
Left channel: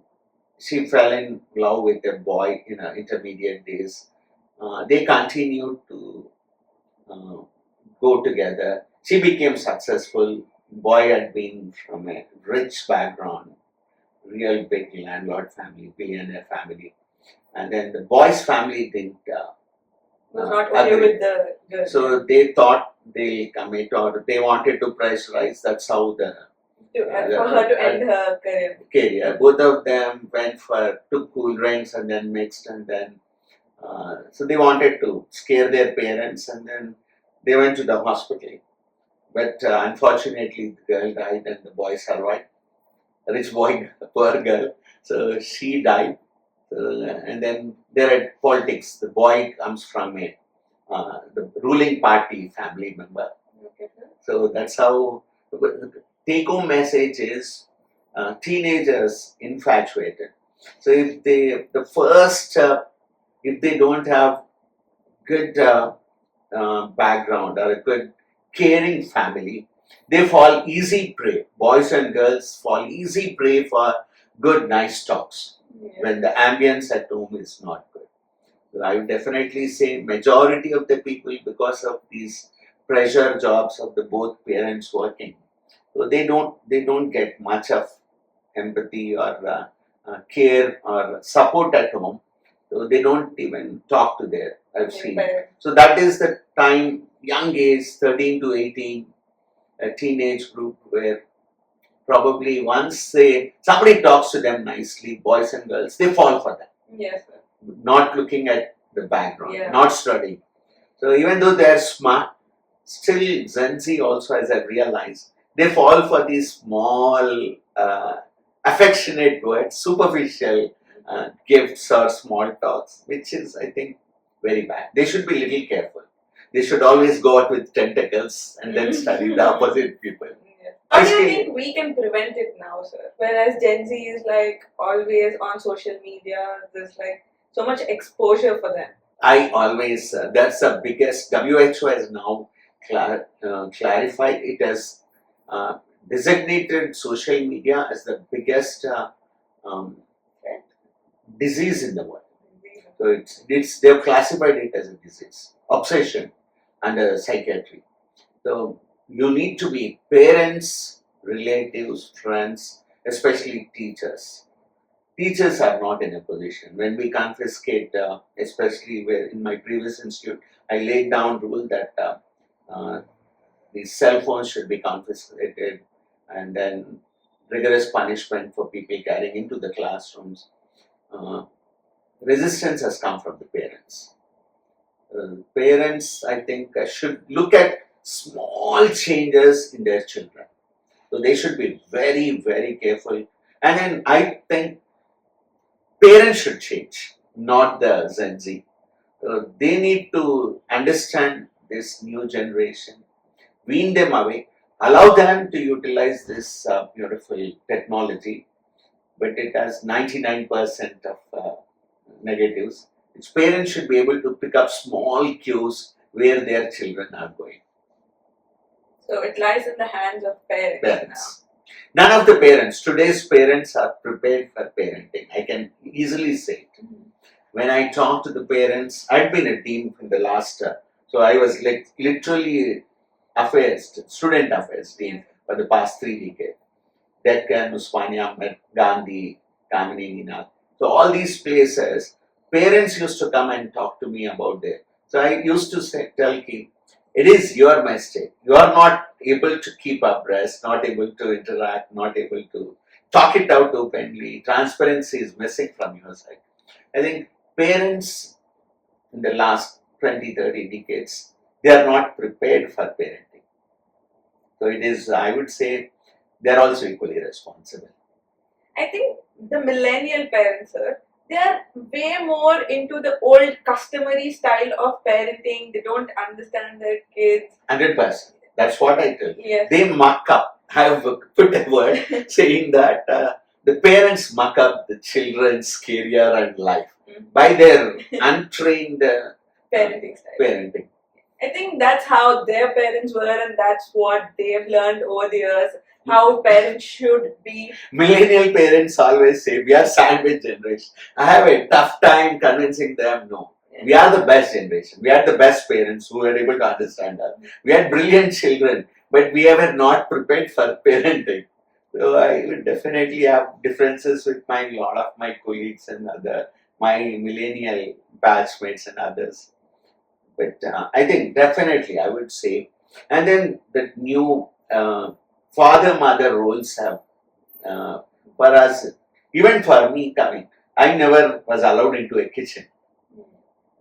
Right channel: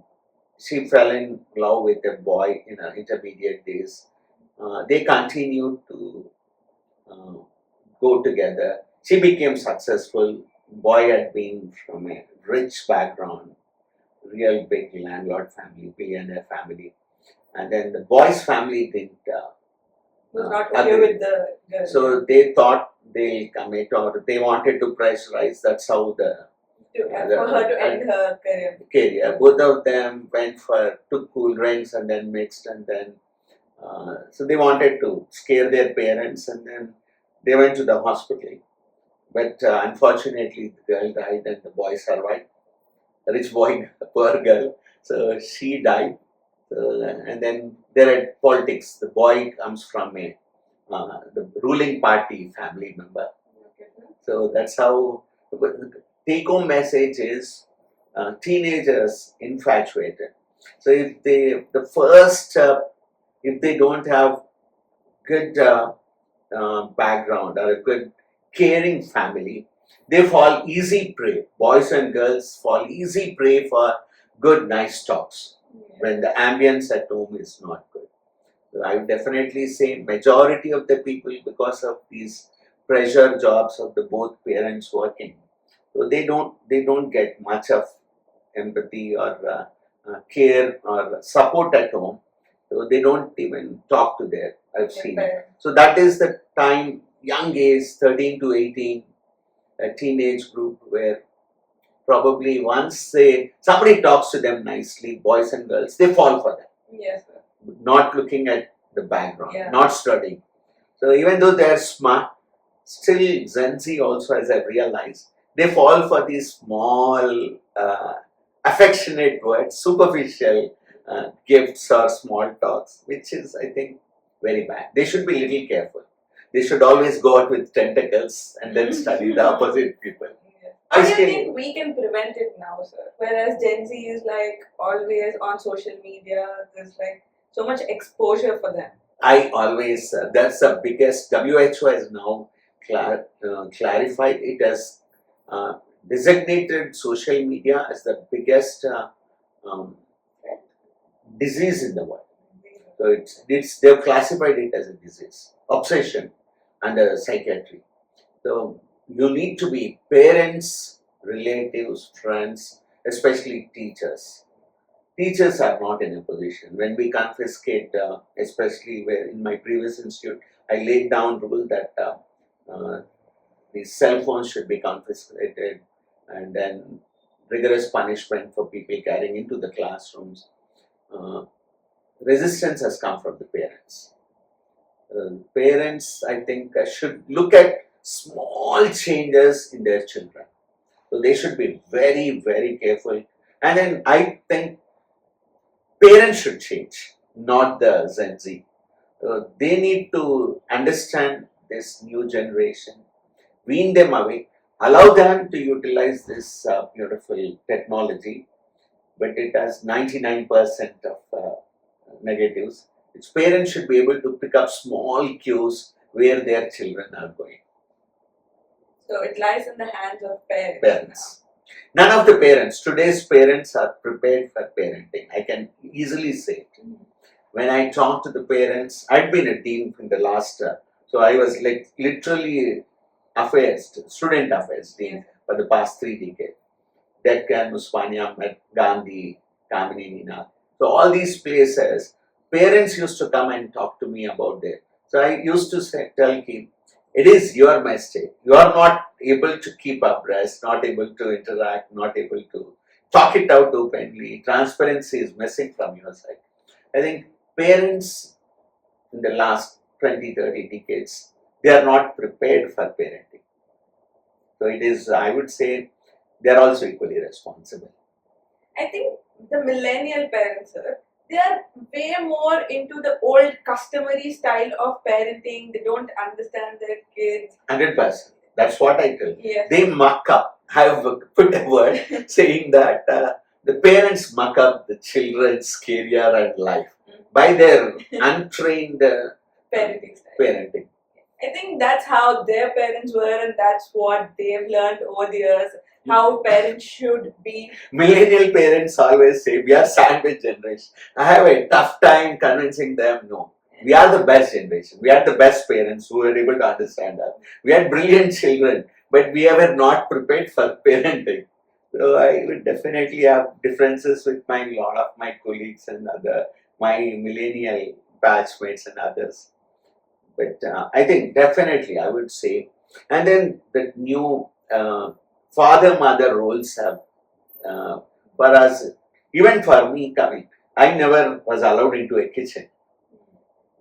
she fell in love with a boy in her intermediate days. They continued to go together. She became successful. Boy had been from a rich background, real big landlord family, billionaire family. And then the boy's family didn't Was not okay agree. with the girl. So they thought they'll commit, or they wanted to pressurize. That's how for her to end her career. career. Both of them took cool drinks and then mixed, and then so they wanted to scare their parents, and then they went to the hospital. But unfortunately, the girl died and the boy survived. A rich boy, a poor girl. So she died. And then there are politics. The boy comes from the ruling party family member. So that's how the take-home message is teenagers infatuated. So if the first if they don't have good background or a good caring family, they fall easy prey. Boys and girls fall easy prey for good, nice talks when the ambience at home is not good. So I would definitely say majority of the people, because of these pressure jobs of the both parents working, so they don't get much of empathy or care or support at home. So they don't even talk to their, I've seen. So that is the time, young age, 13 to 18, a teenage group where probably once somebody talks to them nicely, boys and girls, they fall for that. Yes, sir. Not looking at the background, Yeah. not studying. So even though they're smart, still Gen Z also, as I realized, they fall for these small, affectionate words, superficial gifts or small talks, which is, I think, very bad. They should be little careful. They should always go out with tentacles and then study the opposite people. How do you think we can prevent it now, sir? Whereas Gen Z is like always on social media, there's like so much exposure for them. I always, that's the biggest, WHO has now clarified it as designated social media as the biggest disease in the world. So they've classified it as a disease, obsession under psychiatry. So you need to be parents, relatives, friends, especially teachers. Teachers are not in a position. When we confiscate, especially where in my previous institute, I laid down rule that the cell phones should be confiscated, and then rigorous punishment for people carrying into the classrooms. Resistance has come from the parents. Parents, I think, should look at small changes in their children. So they should be very, very careful. And then I think parents should change, not the Gen Z. They need to understand this new generation, wean them away, allow them to utilize this beautiful technology, but it has 99% of negatives. Its parents should be able to pick up small cues where their children are going. So it lies in the hands of parents. None of the parents, today's parents are prepared for parenting. I can easily say it. When I talk to the parents, I've been a dean in the last, so I was like literally student affairs dean for the past 3 decades. Deccan, Usmania, Gandhi, Kamini, Nina. So all these places, parents used to come and talk to me about them. So I used to tell Kim, it is your mistake. You are not able to keep abreast, not able to interact, not able to talk it out openly. Transparency is missing from your side. I think parents in the last 20, 30 decades, they are not prepared for parenting. So it is, I would say, they are also equally responsible. I think the millennial parents, sir, they are way more into the old customary style of parenting. They don't understand their kids. 100%. That's what I tell you. Yes. They muck up. I have put a word saying that the parents muck up the children's career and life by their untrained parenting style. Parenting. I think that's how their parents were, and that's what they've learned over the years. How parents should be. Millennial parents always say we are sandwich generation. I have a tough time convincing them. No, we are the best generation. We are the best parents who were able to understand us. We had brilliant children, but we were not prepared for parenting. So I would definitely have differences with a lot of my colleagues and my millennial batchmates and others. But I think definitely I would say, and then the new father-mother roles have, for us, even for me coming, I never was allowed into a kitchen.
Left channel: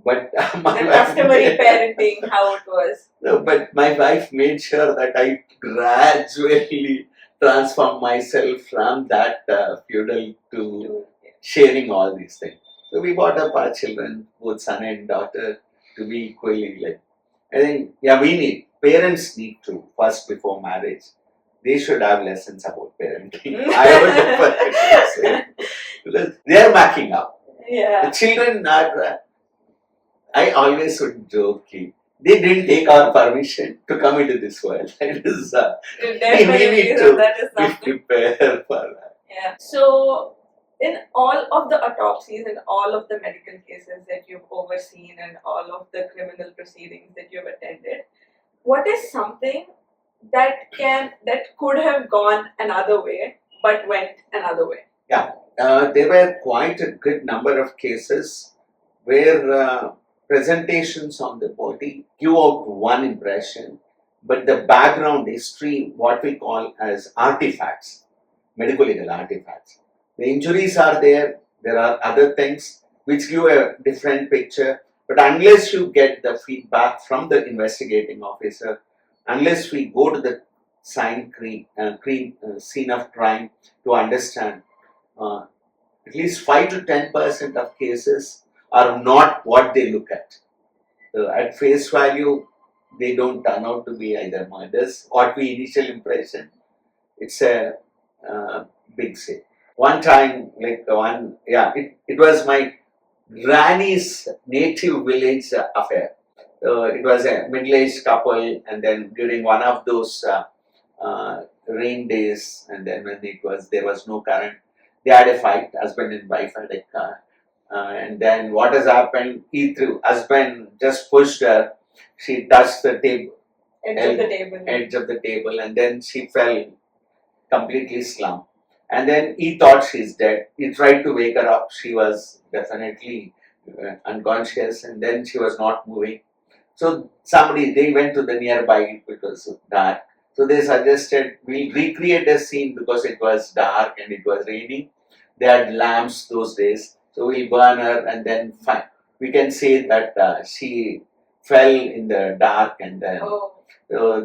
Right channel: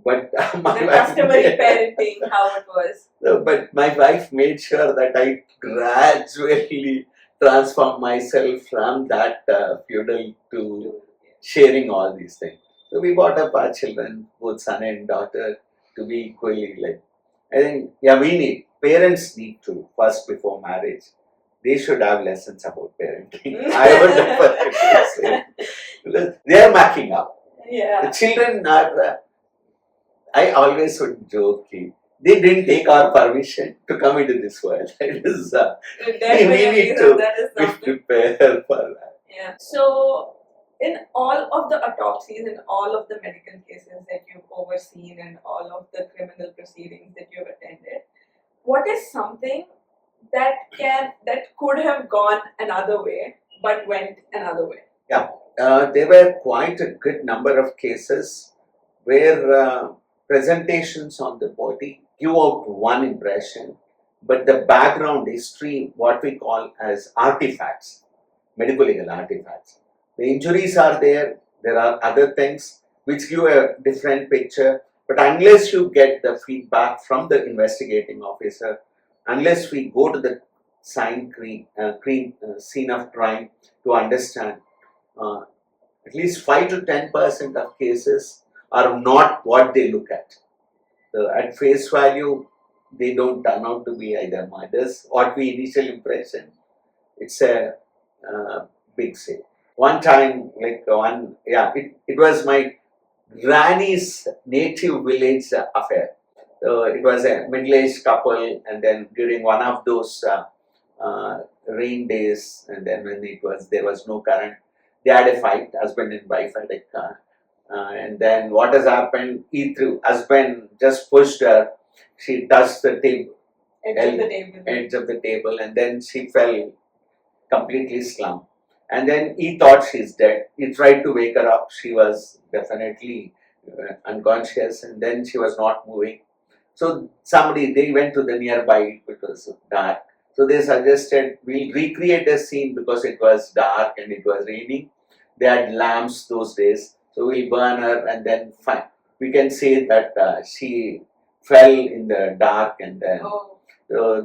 But my customary parenting, how it was. No, but my wife made sure that I gradually transform myself from that feudal to sharing all these things. So we brought up our children, both son and daughter, to be equally like. I think, parents need to, first before marriage, they should have lessons about parenting. I would definitely say. Because they are backing up. Yeah. The children are I always would joke, they didn't take our permission to come into this world. It is, we need to that is be something. prepared for that. Yeah. So, in all of the autopsies and all of the medical cases that you've overseen and all of the criminal proceedings that you've attended, what is something that could have gone another way but went another way? Yeah, there were quite a good number of cases where presentations on the body give out one impression, but the background history, what we call as artifacts, medical legal artifacts. The injuries are there are other things which give a different picture, but unless you get the feedback from the investigating officer, unless we go to the scene of crime to understand, uh, at least 5 to 10% of cases are not what they look at. So at face value, they don't turn out to be either murders. What we initial impression, it's a big say. One time, it was my granny's native village affair. It was a middle-aged couple, and then during one of those rain days, and then when there was no current, they had a fight. Husband and wife had a car, and then what has happened? Husband just pushed her. She touched the table, edge of the table, and then she fell completely slumped. And then he thought she's dead. He tried to wake her up. She was definitely unconscious, and then she was not moving. So they went to the nearby, it was dark. So they suggested we'll recreate a scene because it was dark and it was raining. They had lamps those days. So we'll burn her and then we can say that she fell in the dark, and then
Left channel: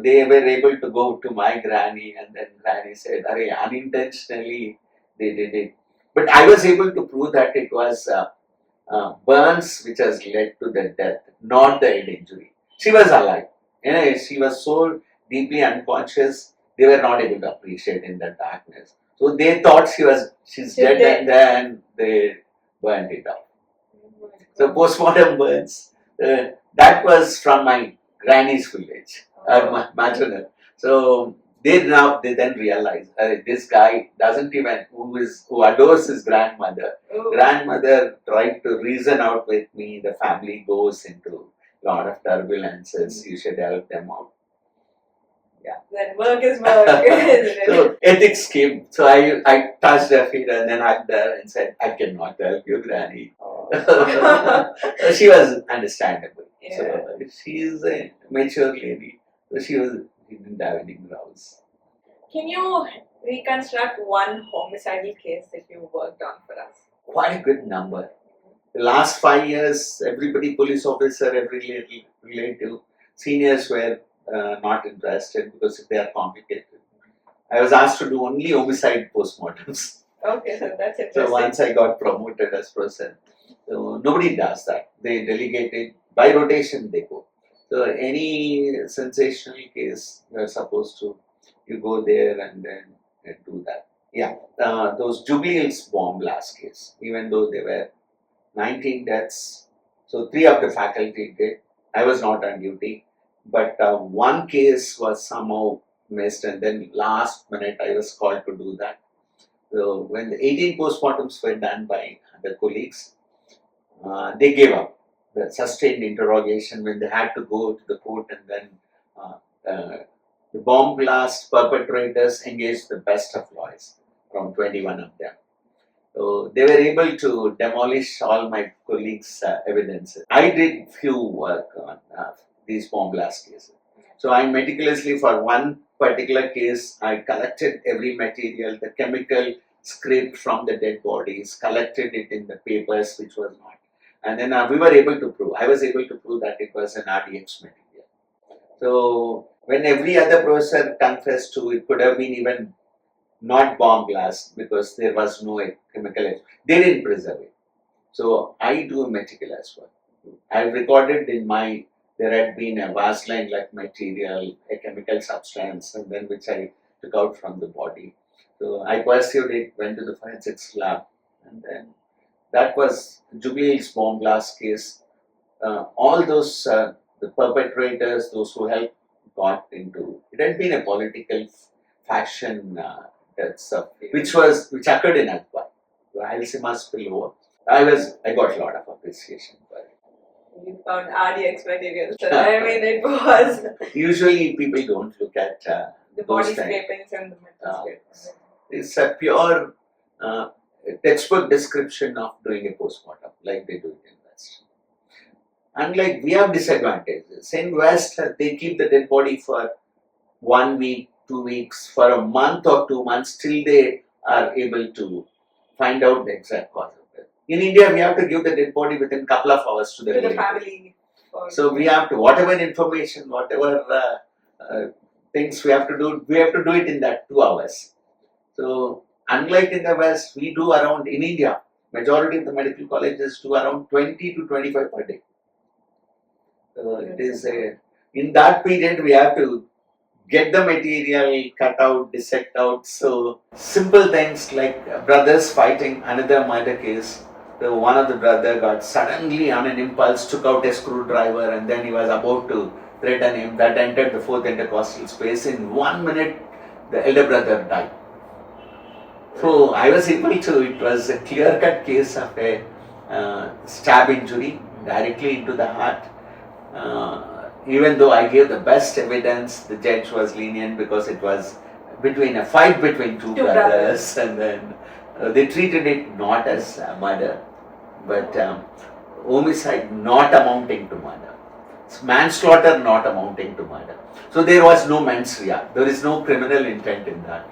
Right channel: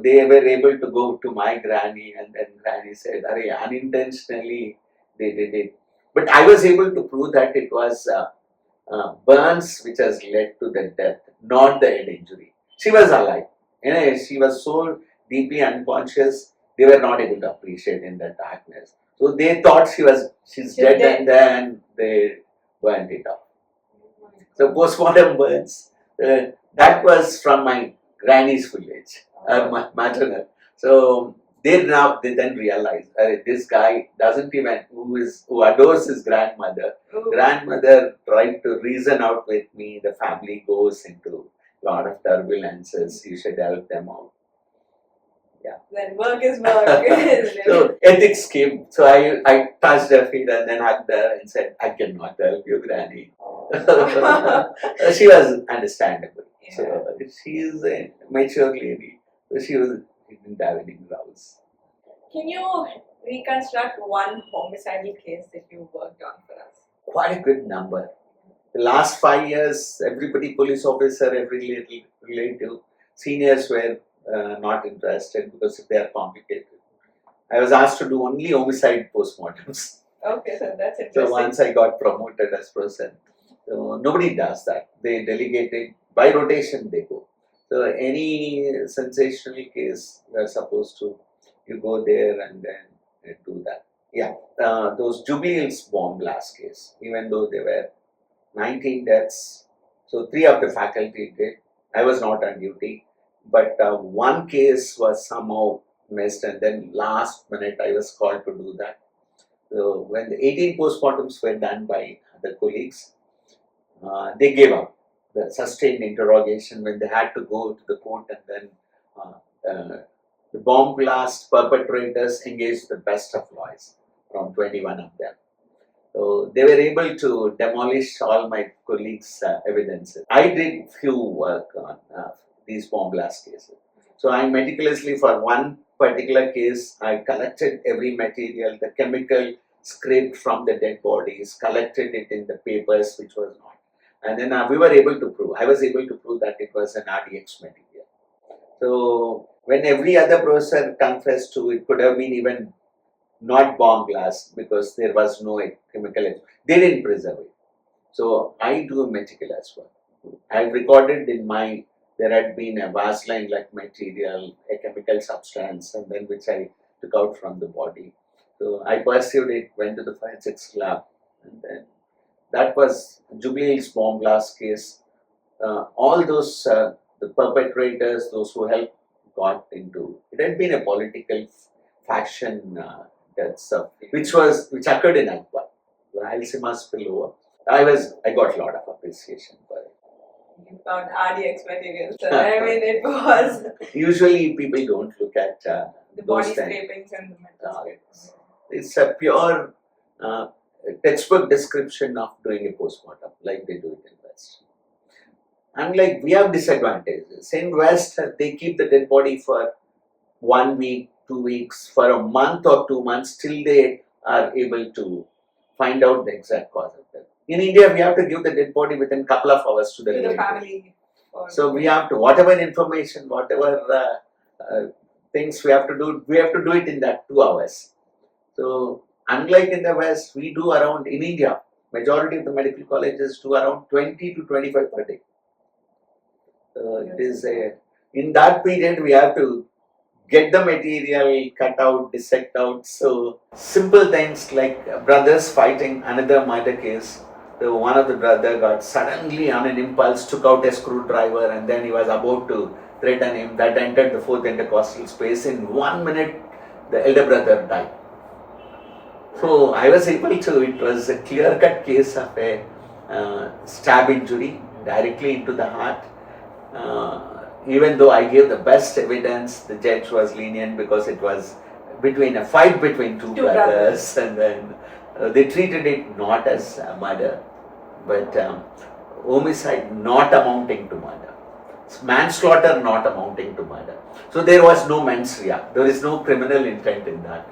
they were able to go to my granny, and then granny said, "Arey, unintentionally they did it." But I was able to prove that it was burns which has led to the death, not the head injury. She was alive. She was so deeply unconscious, they were not able to appreciate in the darkness. So they thought she's dead, and then they burned it up. So postmortem burns, that was from my granny's village, my maternal. So they then realize this guy doesn't even who adores his grandmother. Grandmother tried to reason out with me. The family goes into a lot of turbulences. You should help them out. Yeah. Then work is work. So ethics came. So I touched her feet and then hugged her and said, "I cannot help you, Granny." She was understandable. Yeah. So she is a mature lady. So she didn't have any grounds. Can you reconstruct one homicidal case that you worked on for us? Quite a good number. The last 5 years, everybody, police officer, every relative, seniors were not interested because they are complicated. I was asked to do only homicide postmortems. Okay, so that's interesting. So once I got promoted as president, so nobody does that. They delegate it by rotation. They go. So any sensational case, we are supposed to you go there and then do that. Yeah, those Jubilee Hills bomb blast case. Even though there were 19 deaths, so 3 of the faculty did. I was not on duty, but one case was somehow missed, and then last minute I was called to do that. So when the 18 postmortems were done by the colleagues, they gave up. The sustained interrogation when they had to go to the court, and then the bomb blast perpetrators engaged the best of lawyers, around 21 of them. So they were able to demolish all my colleagues' evidences. I did few work on these bomb blast cases. So I meticulously, for one particular case, I collected every material, the chemical scraped from the dead bodies, collected it in the papers, which was not. And then I was able to prove that it was an RDX material. So when every other professor confessed to it, could have been even not bomb blast because there was no chemical. They didn't preserve it. So I do meticulous work. I've recorded there had been a WASN like material, a chemical substance, and then which I took out from the body. So I pursued it, went to the forensics lab, and then that was Jubilee Hills bomb blast case. all those the perpetrators, those who helped, got into. It had been a political faction deaths, which occurred in Akbar, the Alzheimer spillover. I got a lot of appreciation for it. You found RDX material, sir. I mean, it was Usually, people don't look at the those body kind. scrapings and the metal scrapings. It's a pure textbook description of doing a postmortem, like they do it in West. Unlike, we have disadvantages. In West, they keep the dead body for 1 week, 2 weeks, for a month or 2 months till they are able to find out the exact cause of death. In India, we have to give the dead body within a couple of hours to the To the relative. family. So we have to, whatever information, whatever things we have to do it in that 2 hours. So unlike in the West, we do around, in India, majority of the medical colleges do around 20 to 25 per day. So it is in that period we have to get the material, cut out, dissect out. So simple things like brothers fighting another murder case. One of the brother got suddenly on an impulse, took out a screwdriver, and then he was about to threaten him. That entered the fourth intercostal space. In 1 minute, the elder brother died. So I was able to, it was a clear-cut case of a stab injury directly into the heart. Even though I gave the best evidence, the judge was lenient because it was a fight between two brothers, and then they treated it not as murder, but homicide not amounting to murder. Manslaughter not amounting to murder. So there was no mens rea. There is no criminal intent in that.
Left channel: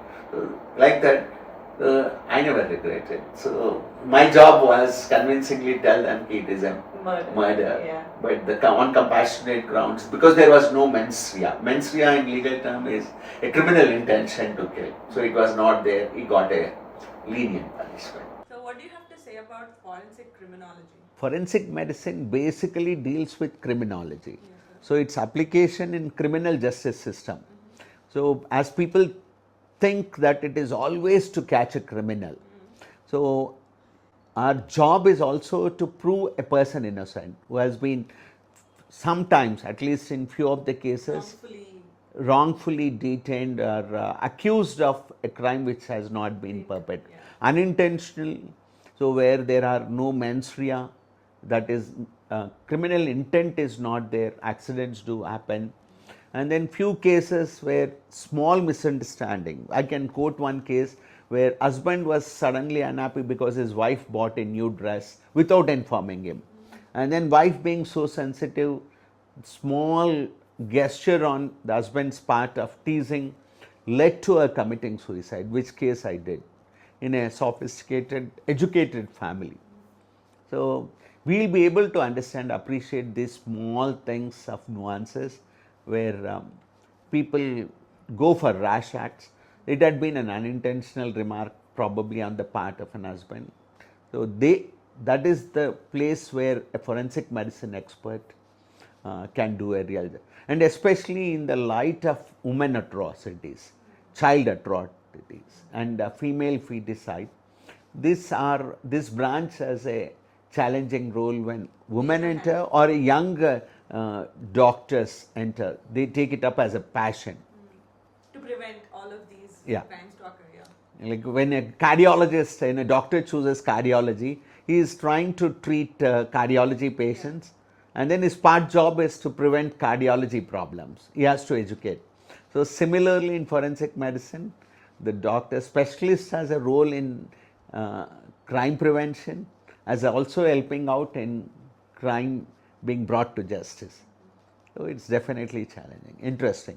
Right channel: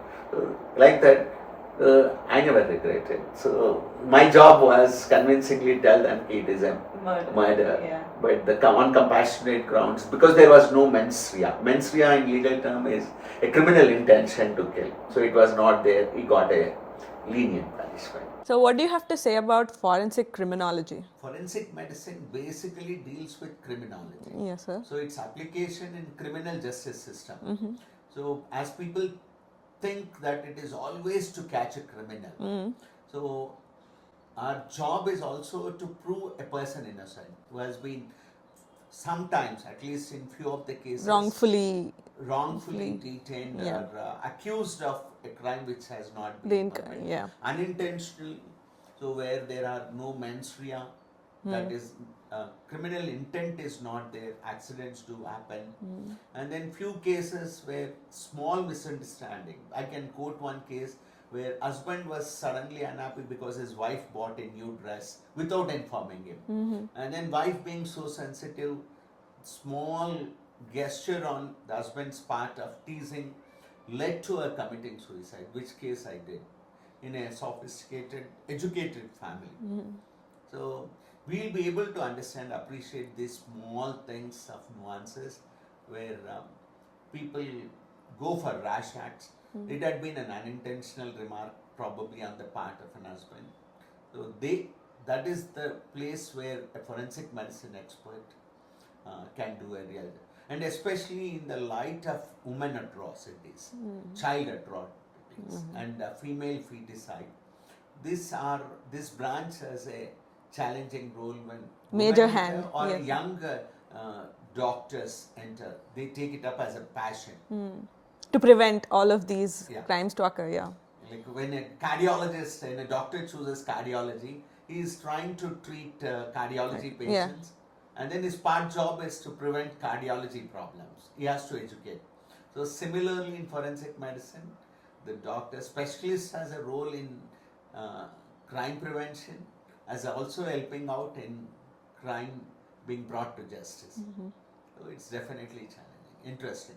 Like that, I never regretted. So my job was convincingly tell them it is a murder. Yeah. But on compassionate grounds, because there was no mens rea. Mens rea in legal term is a criminal intention to kill. So it was not there. He got a lenient punishment. So what do you have to say about forensic criminology? Forensic medicine basically deals with criminology. Yes, sir. So its application in criminal justice system. So as people think that it is always to catch a criminal. So our job is also to prove a person innocent who has been sometimes, at least in few of the cases, wrongfully detained or accused of a crime which has not been perpetrated. Yeah. Unintentional, so where there are no mens rea, that is criminal intent is not there, accidents do happen. And then few cases where small misunderstanding. I can quote one case where husband was suddenly unhappy because his wife bought a new dress without informing him. And then wife being so sensitive, small gesture on the husband's part of teasing led to her committing suicide, which case I did in a sophisticated, educated family. So we'll be able to understand, appreciate these small things of nuances where people go for rash acts. It had been an unintentional remark probably on the part of an husband. So that is the place where a forensic medicine expert can do a real job. And especially in the light of women atrocities, child atrocities, and female feticide, this branch has a challenging role when women enter or young doctors enter. They take it up as a passion. To prevent all of these crimes to occur, Like when a cardiologist and a doctor chooses cardiology, he is trying to treat cardiology patients. And then his part job is to prevent cardiology problems. He has to educate. So similarly in forensic medicine, the doctor specialist has a role in crime prevention, as also helping out in crime being brought to justice. So it's definitely challenging, interesting.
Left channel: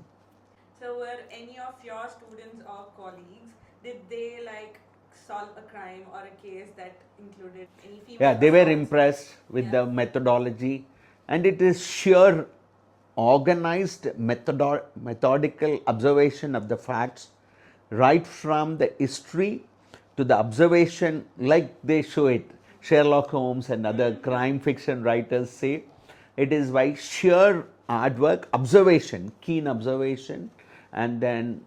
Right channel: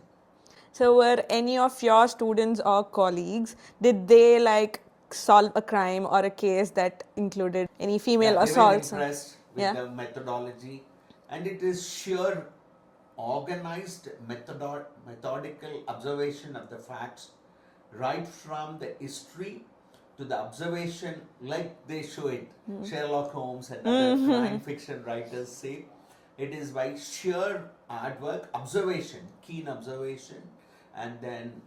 So were any of your students or colleagues, did they solve a crime or a case that included any female assaults? They were impressed with the methodology, and it is sheer organized methodical observation of the facts, right from the history to the observation, like they show it. Sherlock Holmes and other crime fiction writers say it is by sheer hard work, observation, keen observation, and then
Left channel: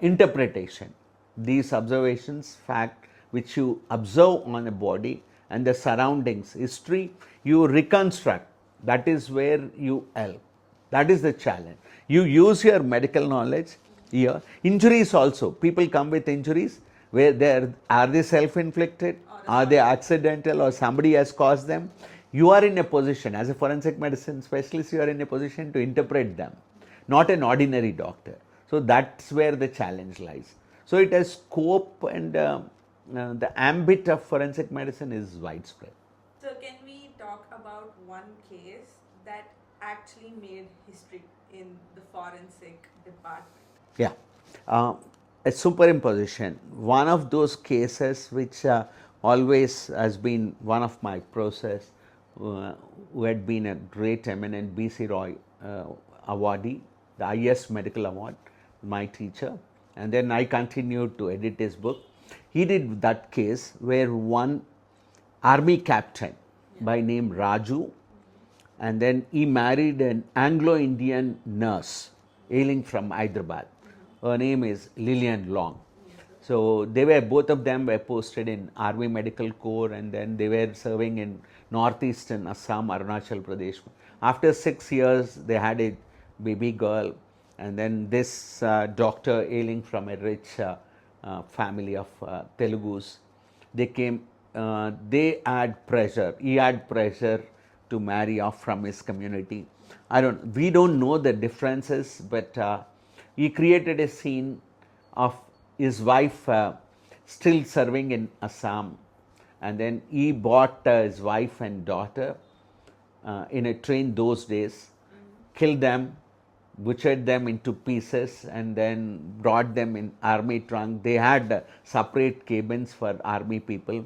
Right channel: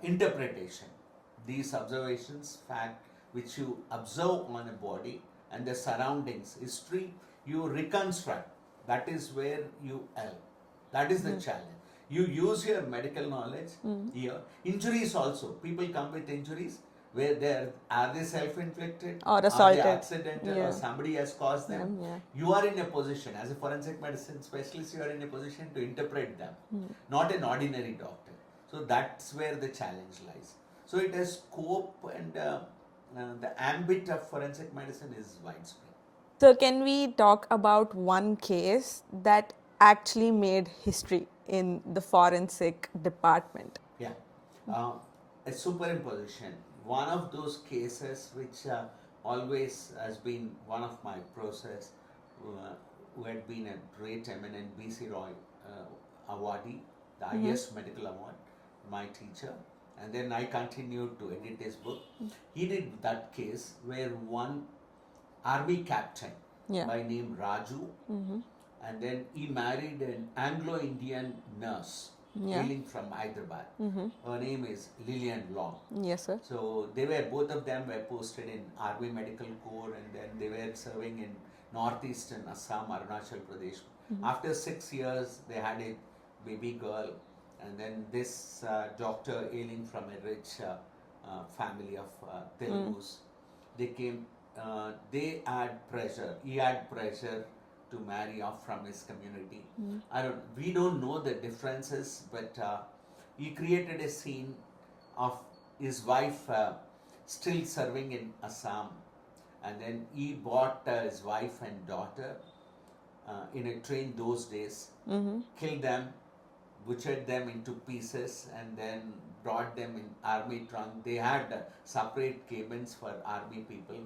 interpretation. These observations, fact which you observe on a body and the surroundings, history, you reconstruct That is where you help. That is the challenge. You use your medical knowledge here. Injuries also. People come with injuries where are they self-inflicted? Or Are they assaulted. accidental or Yeah. somebody has caused them? Yeah. You are in a position, as a forensic medicine specialist, you are in a position to interpret them, not an ordinary doctor. So that's where the challenge lies. So it has scope, and the ambit of forensic medicine is widespread. So, can we talk about one case that actually made history in the forensic department? Yeah. A superimposition, one of those cases which always has been one of my process, who had been a great eminent B.C. Roy awardee, the highest medical award, my teacher. And then I continued to edit his book. He did that case where one army captain by name Raju, and then he married an Anglo-Indian nurse hailing from Hyderabad. Her name is Lillian Long. Yes, sir. So they were, both of them were posted in Army Medical Corps, and then they were serving in northeastern Assam, Arunachal Pradesh. After 6 years, they had a baby girl, and then this doctor hailing from a rich family of Telugus, they came, they had pressure, he had pressure to marry off from his community. We don't know the differences, but he created a scene of his wife still serving in Assam, and then he bought his wife and daughter in a train those days, killed them, butchered them into pieces, and then brought them in army trunk. They had separate cabins for army people.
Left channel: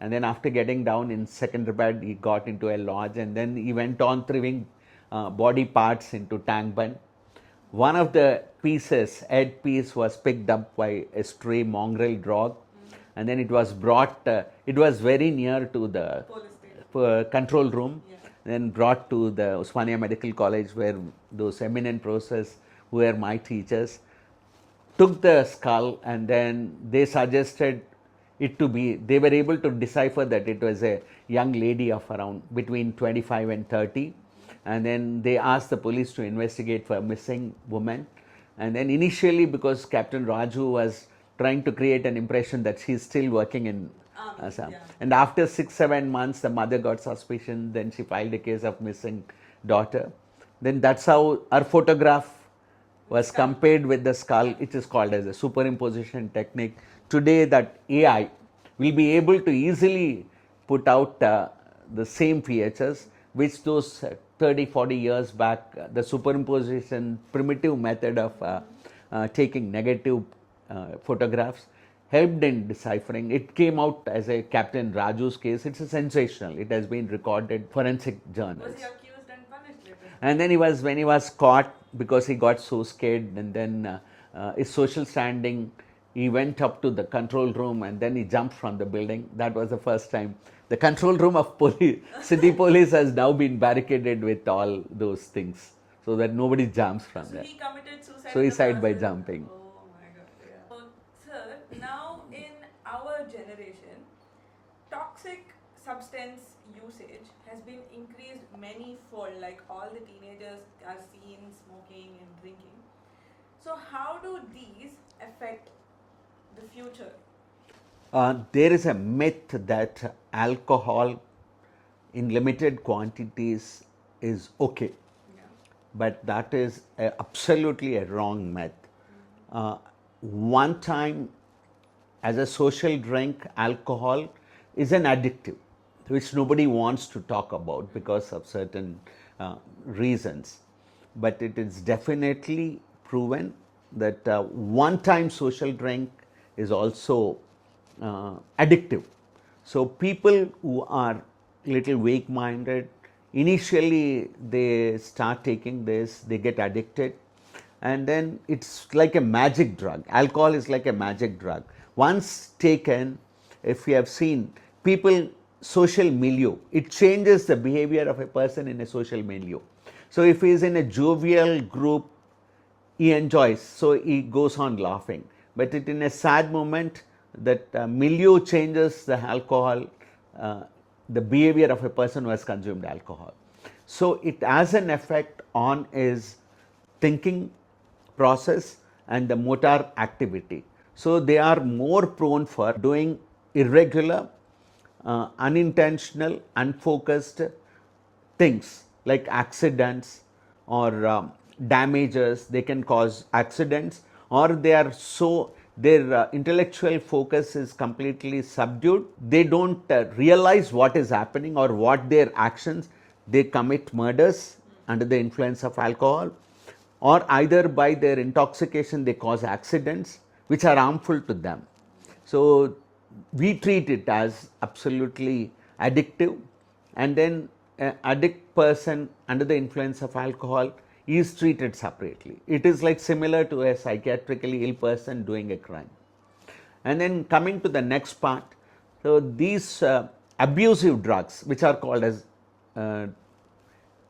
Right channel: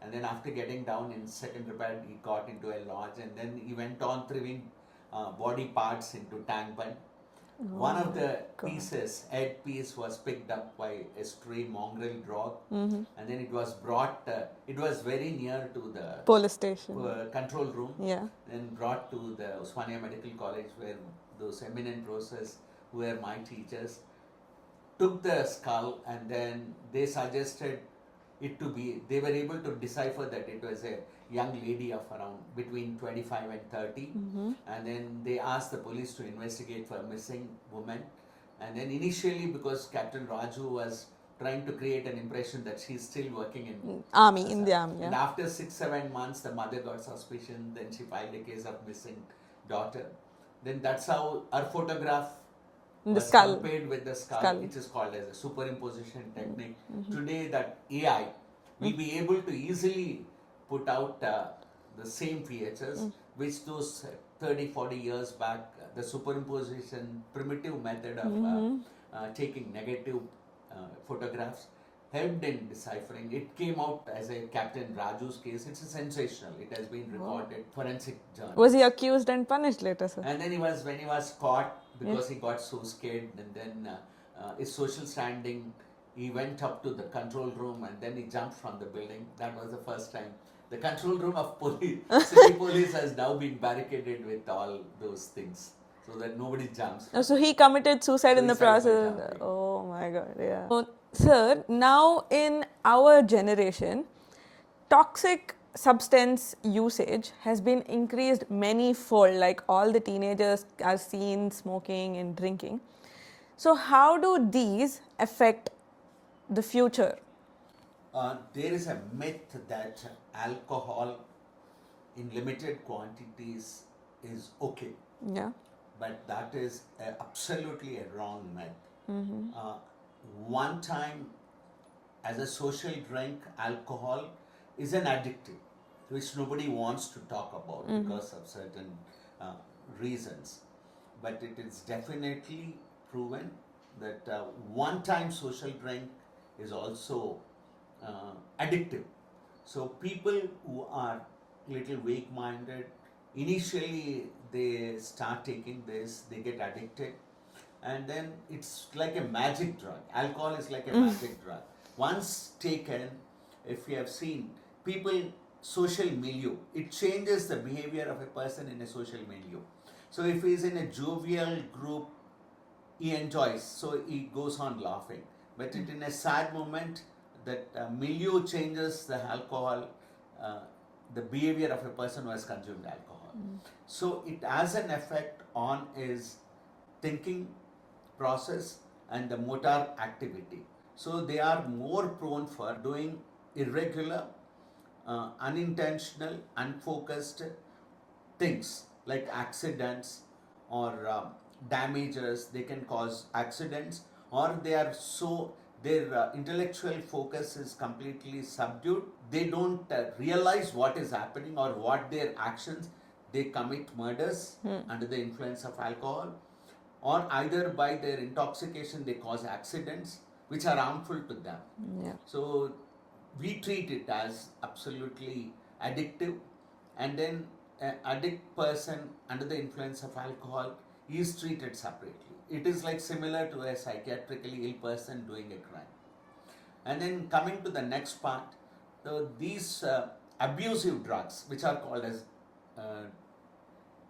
And then after getting down in Secunderabad, he got into a lodge, and then he went on throwing body parts into tank bun. One of the pieces, head piece, was picked up by a stray mongrel dog, and then it was brought, it was very near to the Police station. control room, Yeah. then brought to the Osmania Medical College, where those eminent professors who were my teachers took the skull, and then they suggested it to be, they were able to decipher that it was a young lady of around between 25 and 30. And then they asked the police to investigate for a missing woman. And then initially, because Captain Raju was trying to create an impression that she's still working in Army, Assam. in the army. And after 6-7 months, the mother got suspicion. Then she filed a case of missing daughter. Then that's how her photograph was skull. compared with the skull. It is called as a superimposition technique. Today, that AI will be able to easily put out the same features, which those 30-40 years back, the superimposition primitive method of taking negative photographs helped in deciphering. It came out as a Captain Raju's case. It's a sensational. It has been recorded forensic journal. Was he accused and punished later, sir? And then when he was caught, because he got so scared, and then his social standing, he went up to the control room, and then he jumped from the building. That was the first time. The control room of police, city police, has now been barricaded with all those things, so that nobody jumps from So there. he committed suicide in the Suicide by process. jumping. Oh my God! Yeah. So, sir, now in our generation, toxic substance usage has been increased many-fold. Like all the teenagers are seen smoking and drinking. So, how do these affect the future? There is a myth that alcohol in limited quantities is okay. Yeah. But that is absolutely a wrong myth. One time, as a social drink, alcohol is an addictive, which nobody wants to talk about because of certain reasons. But it is definitely proven that one-time social drink is also addictive. So people who are little weak-minded, initially they start taking this, they get addicted, and then it's like a magic drug. Alcohol is like a magic drug. Once taken, if you have seen people, social milieu, it changes the behavior of a person in a social milieu. So if he is in a jovial group, he enjoys, so he goes on laughing. But in a sad moment, that milieu changes the alcohol, the behavior of a person who has consumed alcohol. So it has an effect on his thinking process and the motor activity. So they are more prone for doing irregular, unintentional, unfocused things like accidents or damages. They can cause accidents, or they are so their intellectual focus is completely subdued. They don't realize what is happening or what their actions. They commit murders under the influence of alcohol, or either by their intoxication they cause accidents which are harmful to them. So we treat it as absolutely addictive, and then an addict person under the influence of alcohol is treated separately. It is like similar to a psychiatrically ill person doing a crime. And then coming to the next part, so these abusive drugs, which are called as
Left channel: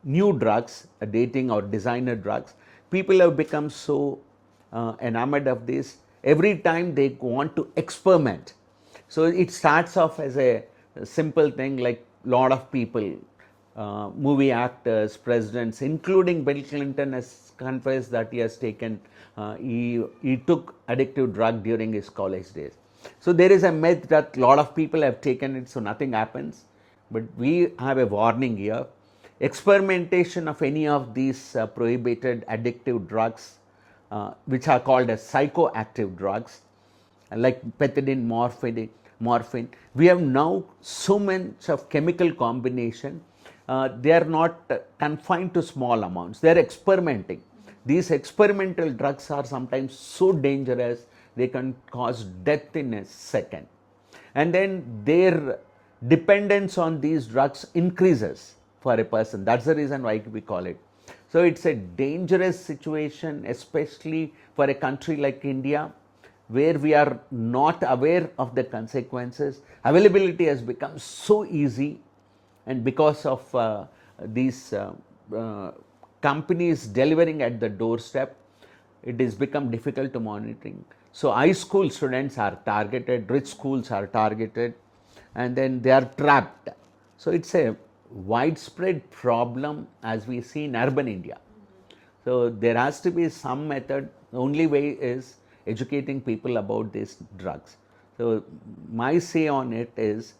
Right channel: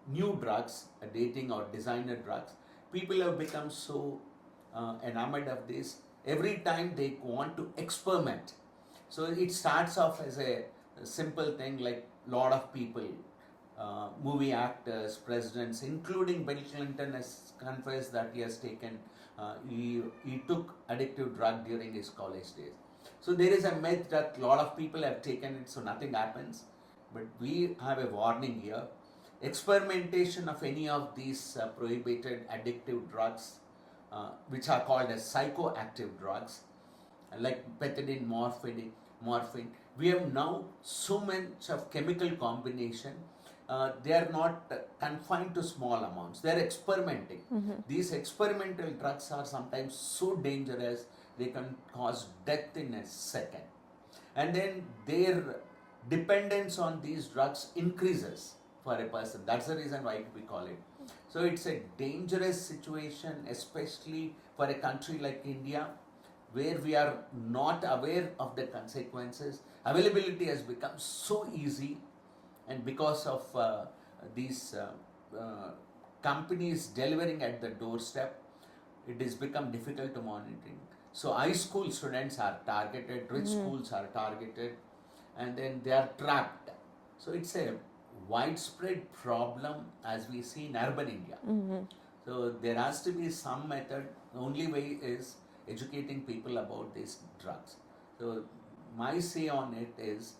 new drugs, dating or designer drugs, people have become so enamored of this. Every time they want to experiment. So it starts off as a simple thing, like lot of people, movie actors, presidents, including Bill Clinton has confessed that he has taken, he took addictive drug during his college days. So there is a myth that a lot of people have taken it, so nothing happens. But we have a warning here. Experimentation of any of these prohibited addictive drugs, which are called as psychoactive drugs, like pethidine, morphine. We have now so much of chemical combination. They are not confined to small amounts. They are experimenting. These experimental drugs are sometimes so dangerous, they can cause death in a second. And then their dependence on these drugs increases for a person. That's the reason why we call it. So it's a dangerous situation, especially for a country like India, where we are not aware of the consequences. Availability has become so easy, and because of these companies delivering at the doorstep, it has become difficult to monitoring. So high school students are targeted, rich schools are targeted, and then they are trapped. So it's a widespread problem as we see in urban India. So there has to be some method. The only way is educating people about these drugs. So my say on it is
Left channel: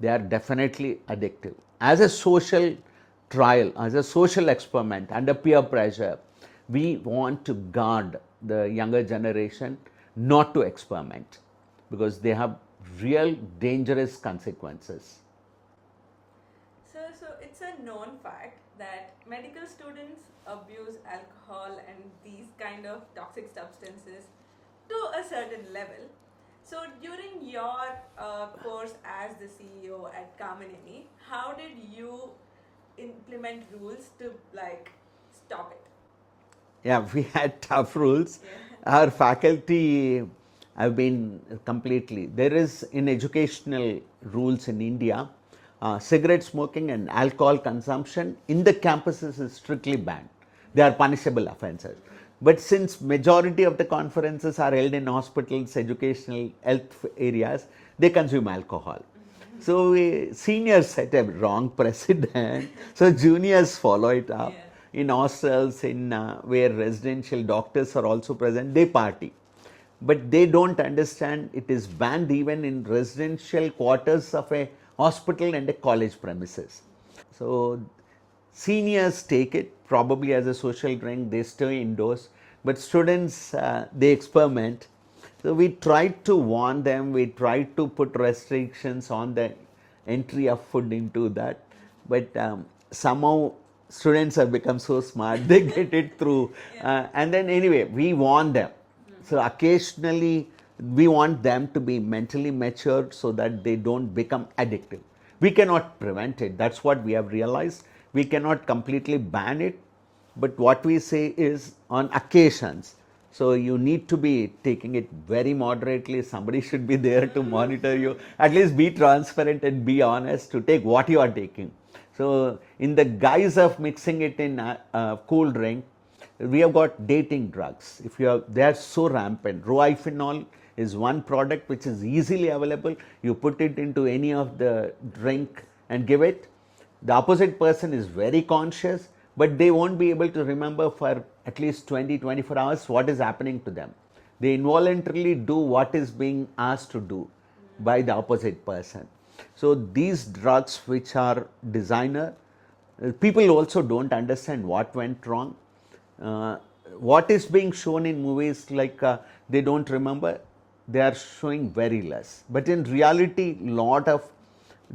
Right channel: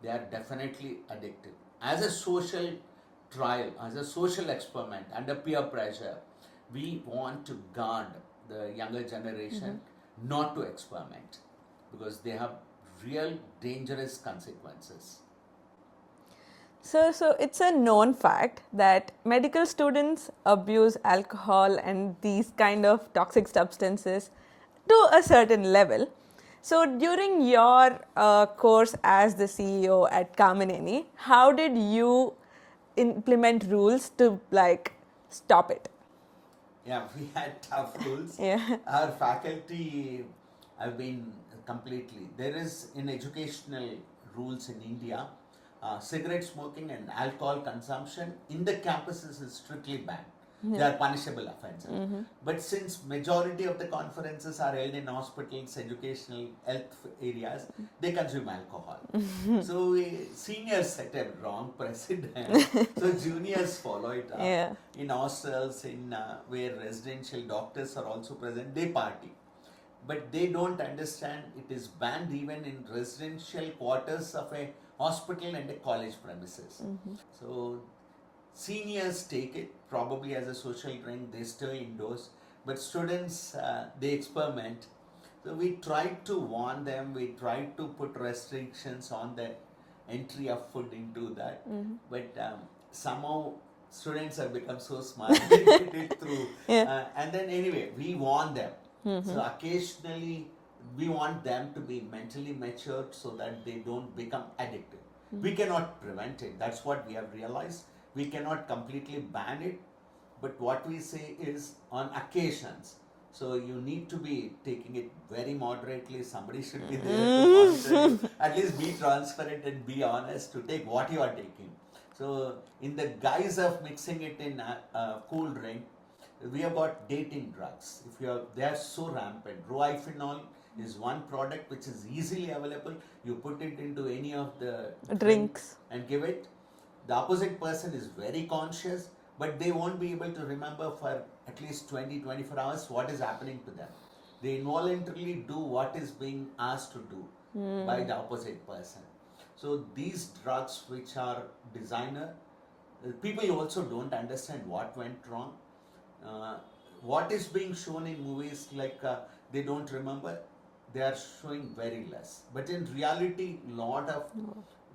they are definitely addictive. As a social trial, as a social experiment under peer pressure, we want to guard the younger generation not to experiment, because they have real dangerous consequences. So it's a known fact that medical students abuse alcohol and these kind of toxic substances to a certain level. So during your course as the CEO at Kamineni, how did you implement rules to like stop it? Yeah, we had tough rules. Yeah. Our faculty have been completely, there is in educational rules in India, cigarette smoking and alcohol consumption in the campuses is strictly banned. They are punishable offences. But since majority of the conferences are held in hospitals, educational, health areas, they consume alcohol. So seniors set a wrong precedent. So juniors follow it up. Yeah. In hostels, in where residential doctors are also present, they party. But they don't understand it is banned even in residential quarters of a hospital and a college premises. So seniors take it probably as a social drink, they stay indoors, but students, they experiment. So we tried to warn them, we tried to put restrictions on the entry of food into that, but somehow students have become so smart, they get it through. And then anyway, we warn them. So occasionally we want them to be mentally matured so that they don't become addictive. We cannot prevent it, that's what we have realized. We cannot completely ban it, but what we say is on occasions. So you need to be taking it very moderately. Somebody should be there to monitor you. At least be transparent and be honest to take what you are taking. So in the guise of mixing it in a cool drink, we have got dating drugs. If you are, they are so rampant. Rohypnol is one product which is easily available. You put it into any of the drinks and give it. The opposite person is very conscious, but they won't be able to remember for at least 20-24 hours what is happening to them. They involuntarily do what is being asked to do by the opposite person. So these drugs which are designer, people also don't understand what went wrong. What is being shown in movies, like they don't remember, they are showing very less. But in reality, lot of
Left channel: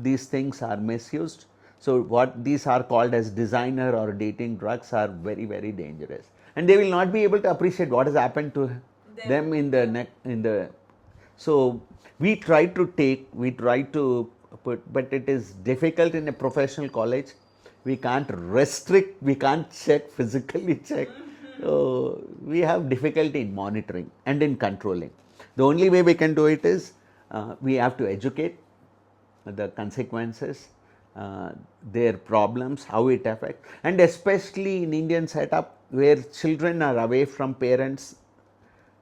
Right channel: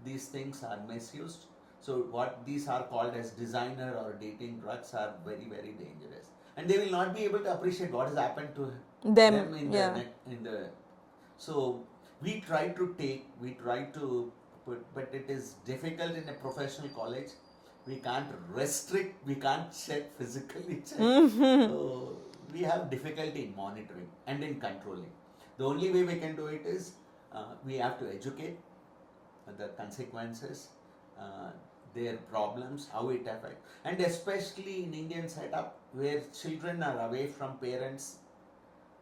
these things are misused. So what these are called as designer or dating drugs are very, very dangerous. And they will not be able to appreciate what has happened to them in the so we try to put, but it is difficult in a professional college. We can't restrict, we can't physically check. So we have difficulty in monitoring and in controlling. The only way we can do it is we have to educate the consequences, their problems, how it affects, and especially in Indian setup where children are away from parents,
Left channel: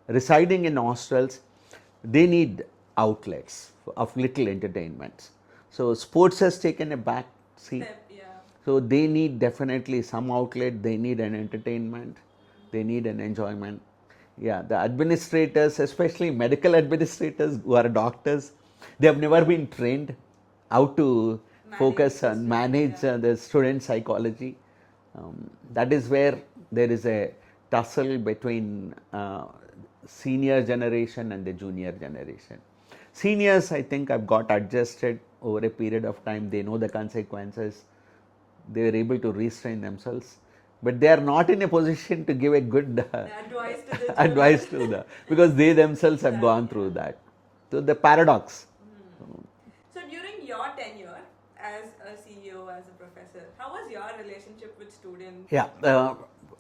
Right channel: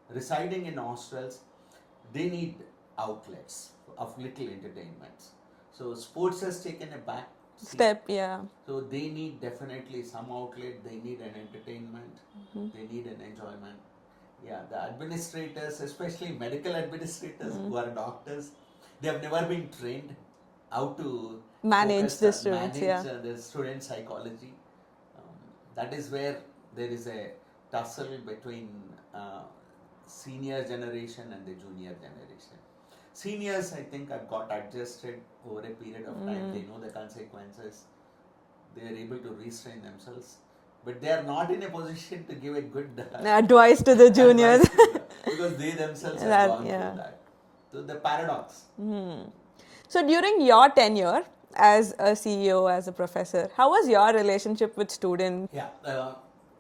residing in hostels, they need outlets of little entertainments. So sports has taken a back step, so they need definitely some outlet, they need an entertainment, they need an enjoyment. Yeah, the administrators, especially medical administrators who are doctors, they have never been trained how to focus on manage the student psychology. That is where there is a tussle between senior generation and the junior generation. Seniors, I think, have got adjusted over a period of time. They know the consequences. They are able to restrain themselves. But they are not in a position to give a good advice to the juniors. Because they themselves have gone through that. So the paradox. So during your tenure as a CEO, as a professor, how was your relationship with students? Yeah,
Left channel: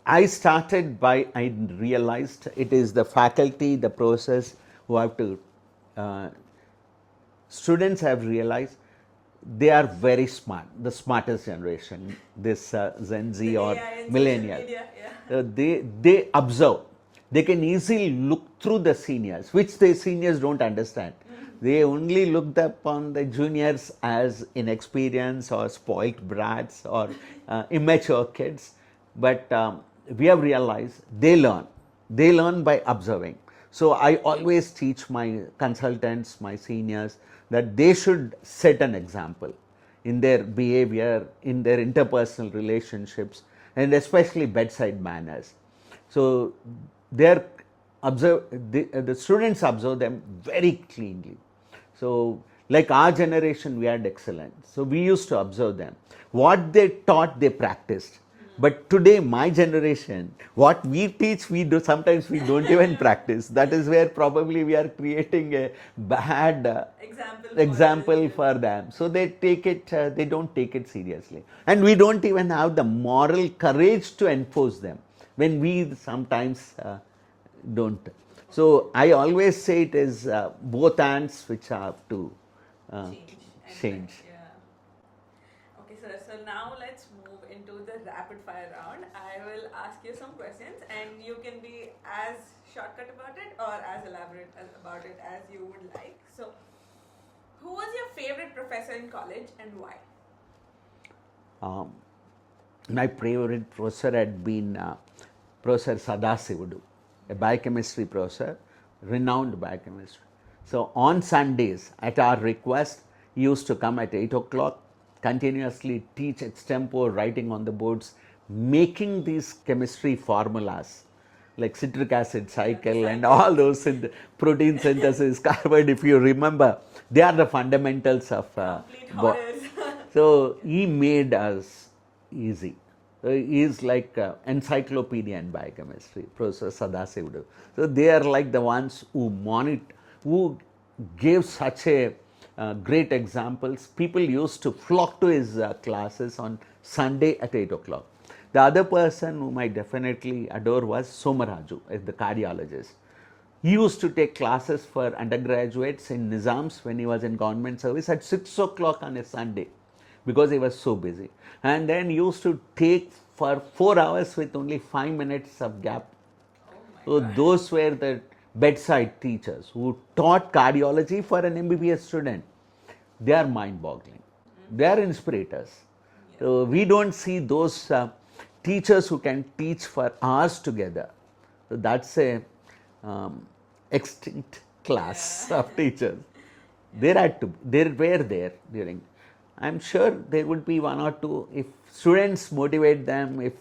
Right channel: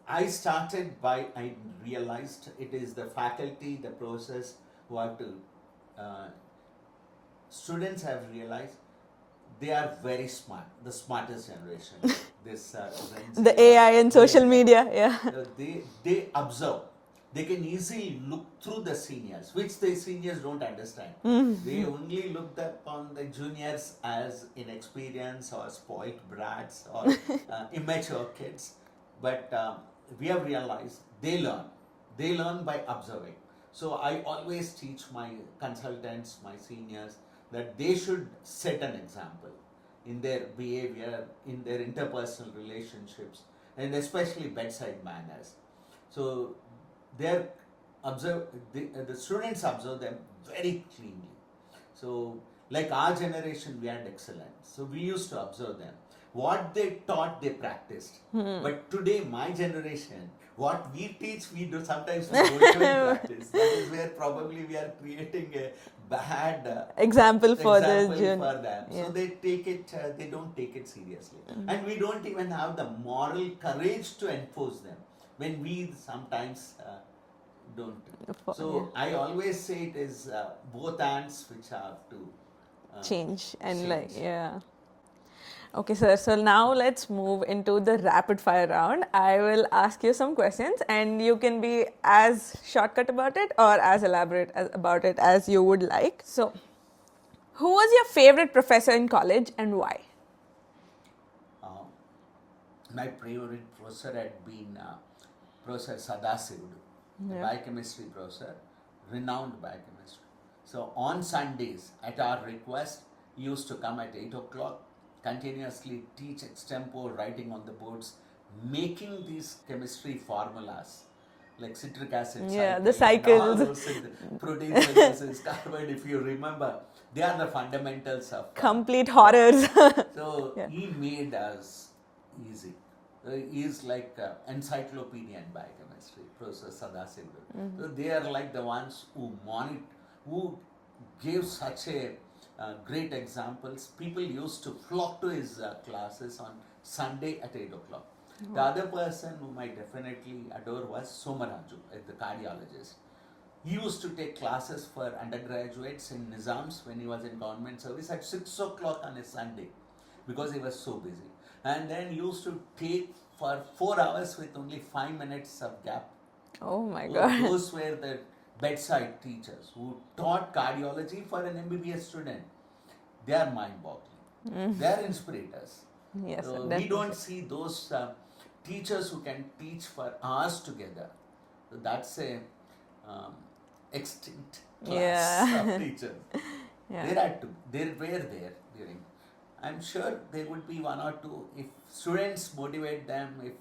I started by, I realized it is the faculty, the process who have to, students have realized they are very smart, the smartest generation, this Gen Z. The AI and social media, they observe. They can easily look through the seniors, which the seniors don't understand. They only looked upon the juniors as inexperienced or spoilt brats or immature kids. But we have realized they learn by observing. So I always teach my consultants, my seniors, that they should set an example in their behavior, in their interpersonal relationships, and especially bedside manners. So the students observe them very cleanly. So like our generation, we had excellence. So we used to observe them. What they taught, they practiced. But today, my generation, what we teach, we do. Sometimes we don't even practice. That is where probably we are creating a bad example for them. So they take it. They don't take it seriously, and we don't even have the moral courage to enforce them when we sometimes don't. So I always say it is both hands which have to change and Okay, sir. So now let's move into the rapid fire round. I will ask you some questions and you can be as shortcut about it or as elaborate about it as you would like. So, who was your favorite professor in college and why? My favorite professor had been Professor Steth-a-scope, a biochemistry professor, renowned biochemist. So on Sundays, at our request, he used to come at 8 o'clock, continuously teach extempore, writing on the boards, making these chemistry formulas like citric acid cycle and all those protein synthesis, carbide, if you remember, they are the fundamentals of complete horrors. So he made us easy. So he is like encyclopedia in biochemistry, Professor Steth-a-scope. So they are like the ones who gave such a great examples. People used to flock to his classes on Sunday at 8 o'clock. The other person whom I definitely adore was Somaraju, the cardiologist. He used to take classes for undergraduates in Nizams when he was in government service at 6 o'clock on a Sunday because he was so busy. And then he used to take for 4 hours with only 5 minutes of gap. Oh my God. So those were the bedside teachers who taught cardiology for an MBBS student. They are mind-boggling. They are inspirators. Yes, So we don't see those teachers who can teach for hours together. So that's a extinct class Yeah. of teachers. Yeah. They were there during. I'm sure there would be one or two if students motivate them, if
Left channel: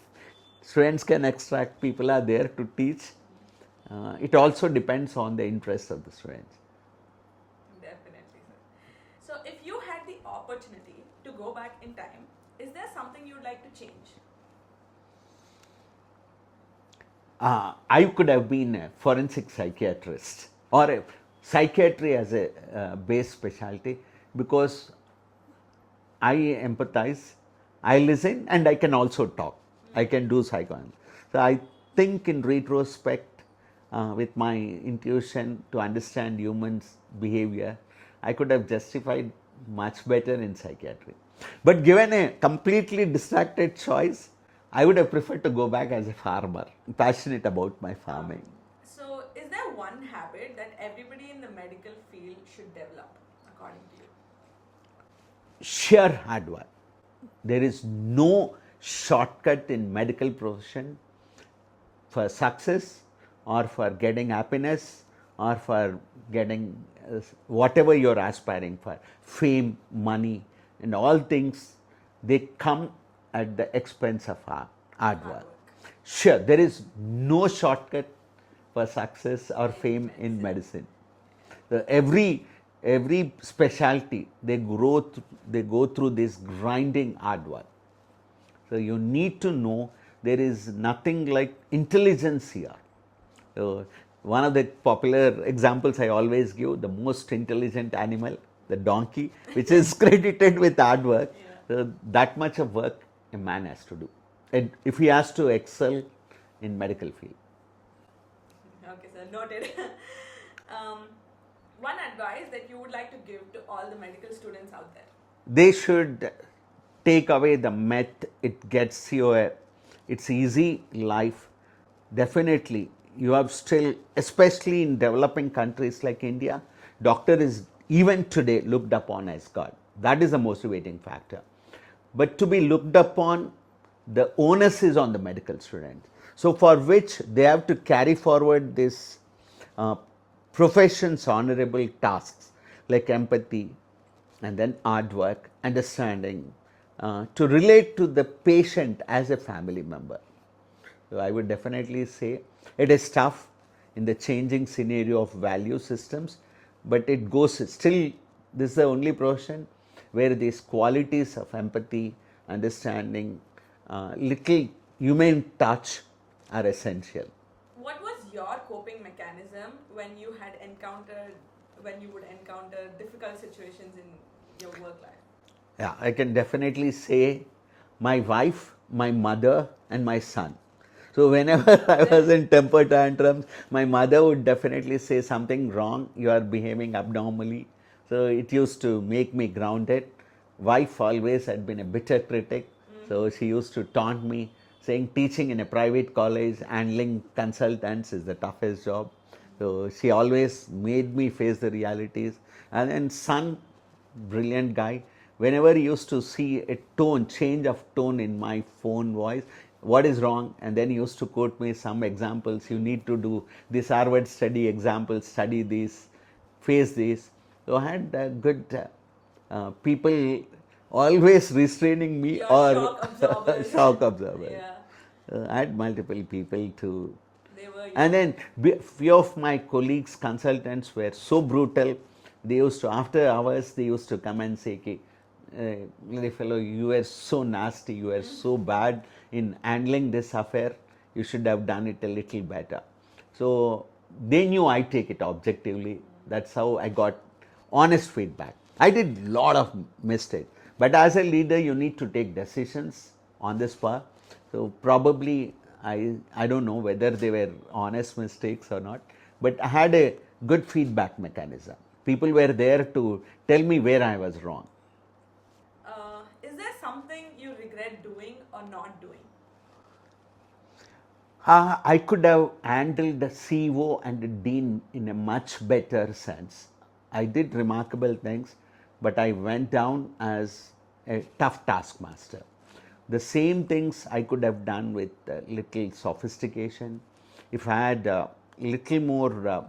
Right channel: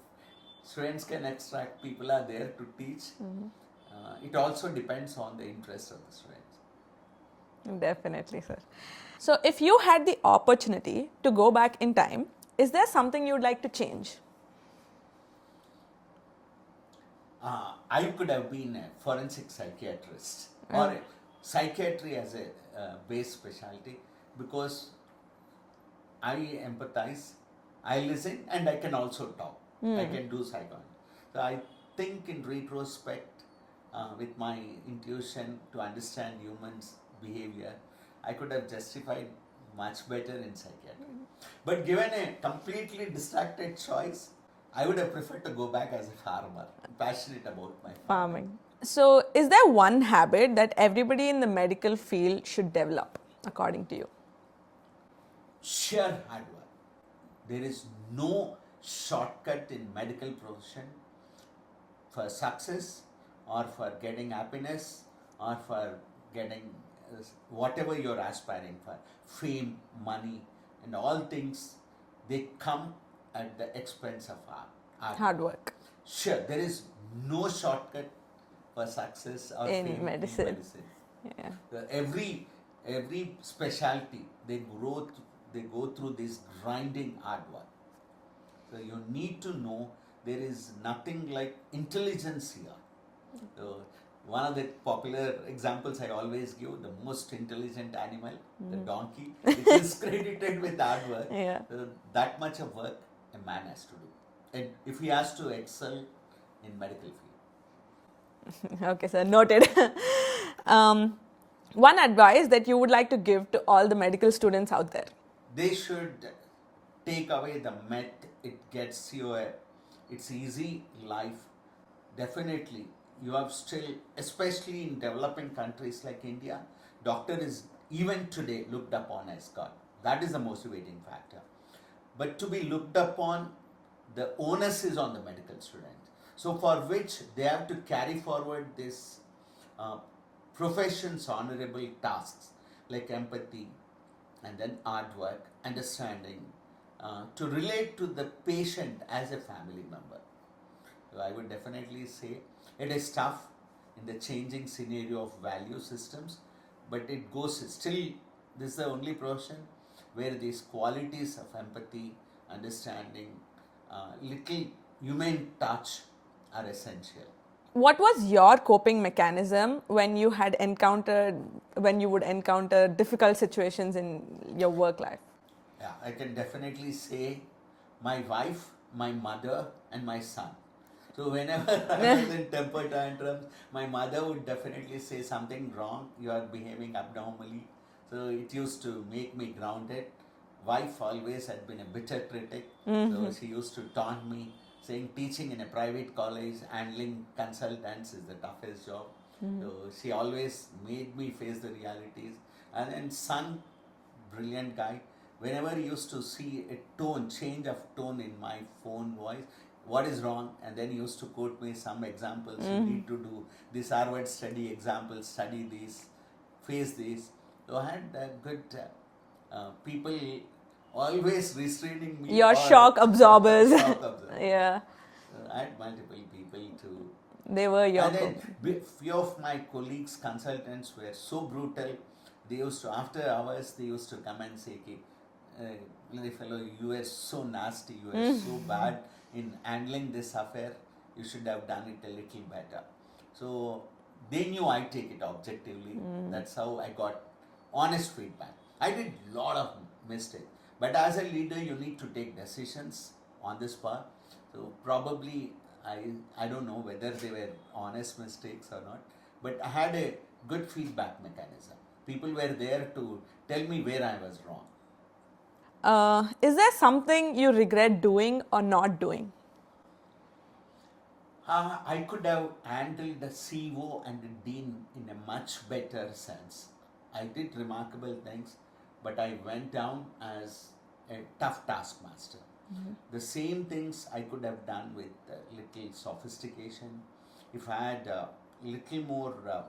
students can extract, people are there to teach. It also depends on the interest of the students. Definitely, sir. So, if you had the opportunity to go back in time, is there something you would like to change? I could have been a forensic psychiatrist or a psychiatry as a base specialty, because I empathize, I listen, and I can also talk. I can do psychoanalysis. So I think in retrospect, with my intuition to understand humans' behavior, I could have justified much better in psychiatry. But given a completely distracted choice, I would have preferred to go back as a farmer. I'm passionate about my farming. So, is there one habit that everybody in the medical field should develop, according to you? Sheer hard work. There is no shortcut in medical profession for success or for getting happiness or for getting whatever you're aspiring for, fame, money, and all things, they come at the expense of hard work. Sure, there is no shortcut for success or In fame medicine. in medicine. Yeah. Every specialty, they go through this grinding hard work. So you need to know there is nothing like intelligence here. So one of the popular examples I always give, the most intelligent animal, the donkey, which is credited with hard work. Yeah. So that much of work a man has to do, and if he has to excel in medical field. Okay, sir, noted. One advice that you would like to give to all the medical students out there? They should take away the myth it gets you it's easy life. Definitely you have still, especially in developing countries like India, doctor is even today looked upon as God. That is a motivating factor. But to be looked upon, the onus is on the medical students, so for which they have to carry forward this profession's honorable tasks like empathy and then hard work, understanding, to relate to the patient as a family member. So I would definitely say it is tough in the changing scenario of value systems, but it goes still. This is the only profession where these qualities of empathy, understanding, little human touch are essential. What was your coping mechanism when you would encounter difficult situations in your work life? Yeah, I can definitely say my wife, my mother, and my son. So whenever I was in temper tantrums, my mother would definitely say something wrong, you are behaving abnormally. So it used to make me grounded. Wife always had been a bitter critic, so she used to taunt me, saying teaching in a private college, handling consultants is the toughest job. So she always made me face the realities. And then son, brilliant guy, whenever he used to see a change of tone in my phone voice, what is wrong, and then he used to quote me some examples. You need to do this Harvard study example, study this, face this. So I had good people always restraining me. Your or shock absorbers. shock absorbers. Yeah. I had multiple people to. They were your And then few of my colleagues, consultants were so brutal. They used to, after hours, they used to come and say, little fellow, you were so nasty, you were so bad in handling this affair, you should have done it a little better. So they knew I take it objectively. That's how I got honest feedback. I did a lot of mistakes, but as a leader, you need to take decisions on the spot. So probably I don't know whether they were honest mistakes or not, but I had a good feedback mechanism. People were there to tell me where I was wrong. Is there something you regret doing or not doing? I could have handled the CEO and the dean in a much better sense. I did remarkable things, but I went down as a tough taskmaster. The same things I could have done with little sophistication if I had little more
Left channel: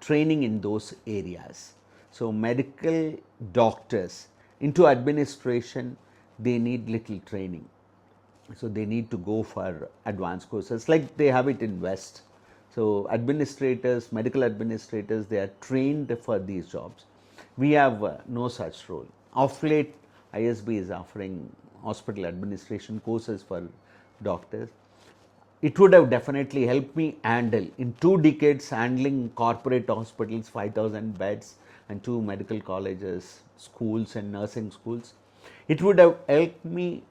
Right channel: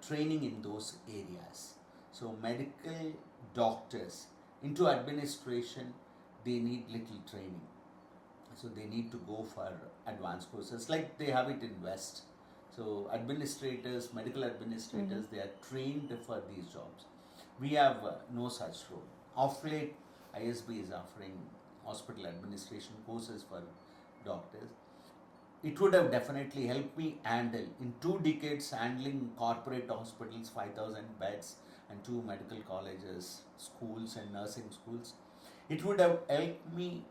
training in those areas. So medical doctors into administration, they need little training. So they need to go for advanced courses like they have it in West. So administrators, medical administrators, they are trained for these jobs. We have no such role. Of late, ISB is offering hospital administration courses for doctors. It would have definitely helped me handle, in 2 decades, handling corporate hospitals, 5,000 beds, and 2 medical colleges, schools, and nursing schools. It would have helped me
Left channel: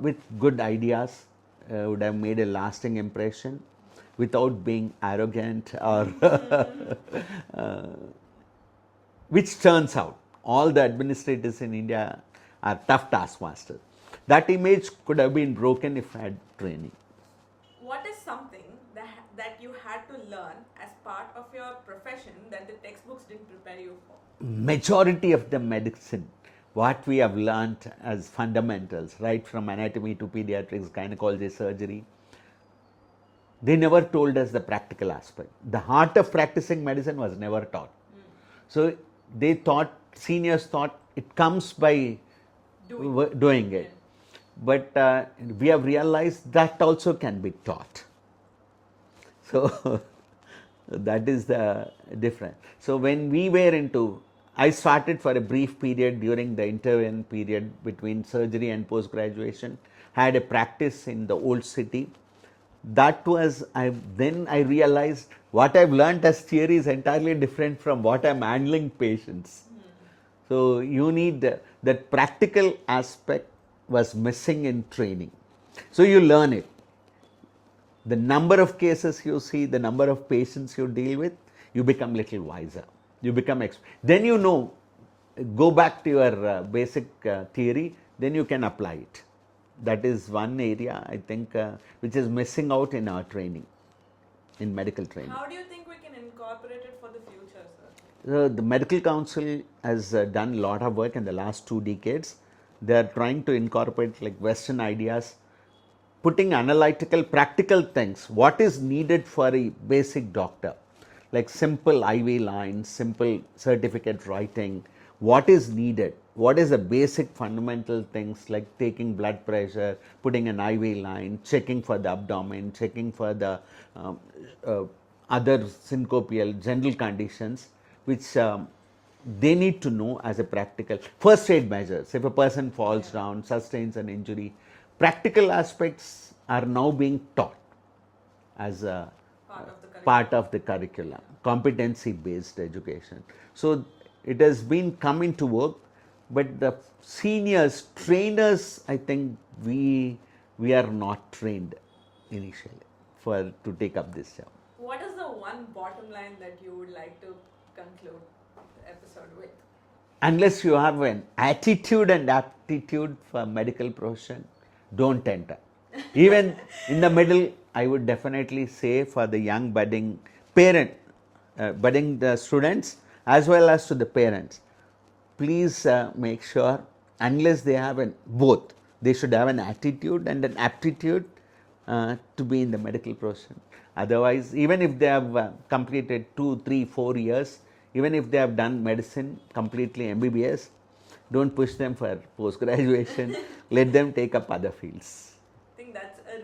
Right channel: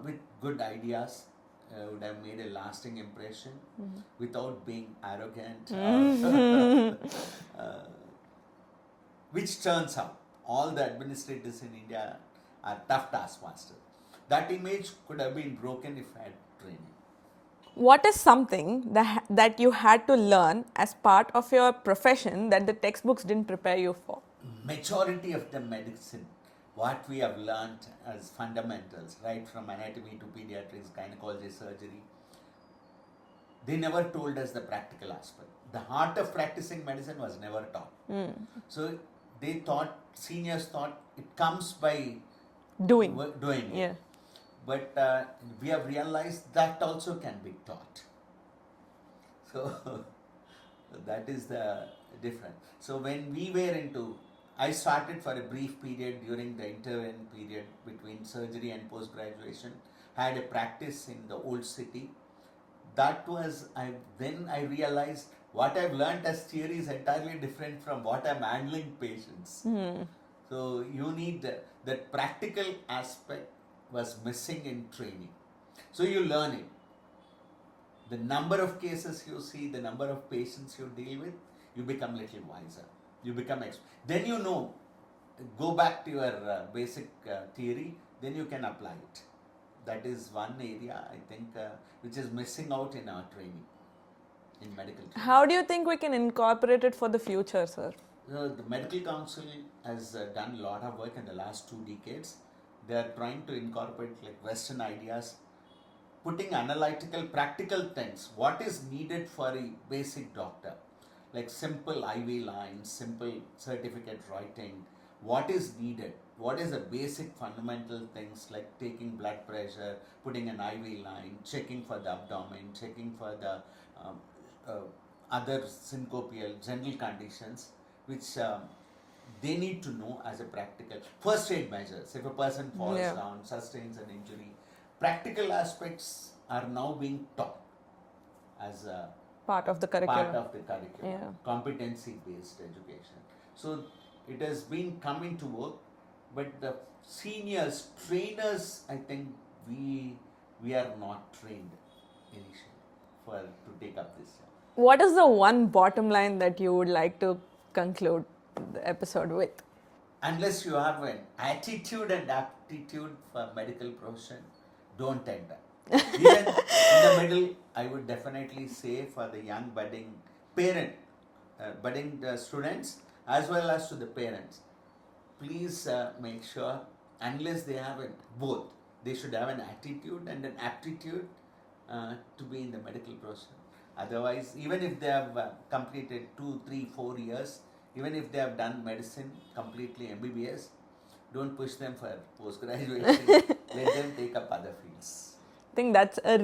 with good ideas, would have made a lasting impression without being arrogant or which turns out all the administrators in India are tough taskmasters. That image could have been broken if I had training. What is something that you had to learn as part of your profession that the textbooks didn't prepare you for? Majority of the medicine, what we have learnt as fundamentals, right from anatomy to pediatrics, gynecology, surgery, they never told us the practical aspect. The heart of practicing medicine was never taught. So they thought, seniors thought, it comes by doing it. Yeah. But we have realized that also can be taught. So that is the difference. So when we were I started for a brief period during the intervening period between surgery and post-graduation, had a practice in the old city. That was, then I realized what I've learned as theory is entirely different from what I'm handling patients. So you need that practical aspect was missing in training. So you learn it. The number of cases you see, the number of patients you deal with, you become little wiser. You become then you know, go back to your basic theory, then you can apply it. That is one area I think which is missing out in our training, in medical training. How do you think we can incorporate it for the future, sir? The Medical Council has done a lot of work in the last 2 decades. They are trying to incorporate like Western ideas, putting analytical, practical things. What is needed for a basic doctor? Like simple IV lines, simple certificate writing. What is needed? What is the basic fundamental things like taking blood pressure, putting an IV line, checking for the abdomen, checking for the other syncopial general conditions, which they need to know as a practical first aid measures. If a person falls down, sustains an injury, practical aspects are now being taught as a Part of the curriculum. Yeah. Competency based education. So it has been coming to work, but the seniors, trainers, I think we are not trained initially to take up this job. What is the one bottom line that you would like to conclude the episode with? Unless you have an attitude and aptitude for medical profession, don't enter. Even in the middle, I would definitely say for the young budding the students as well as to the parents, please make sure, unless they have both, they should have an attitude and an aptitude to be in the medical profession. Otherwise, even if they have completed 2, 3, 4 years, even if they have done medicine completely MBBS, don't push them for post-graduation. Let them take up other fields. I think that's a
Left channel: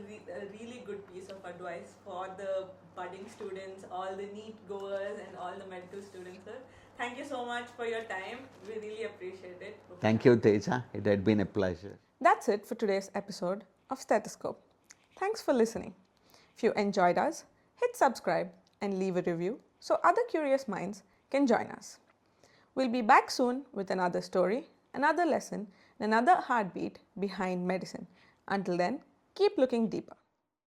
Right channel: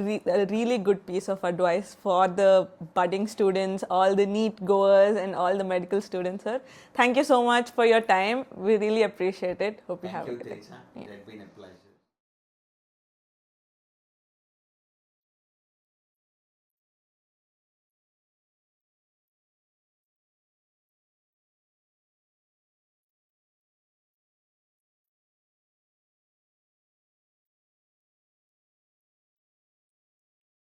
really good piece of advice for the budding students, all the NEET goers and all the medical students, sir. Thank you so much for your time. We really appreciate it. Hope Thank you, Teja. It had been a pleasure. That's it for today's episode of Steth-a-scope. Thanks for listening. If you enjoyed us, hit subscribe and leave a review so other curious minds can join us. We'll be back soon with another story, another lesson, and another heartbeat behind medicine. Until then, keep looking deeper.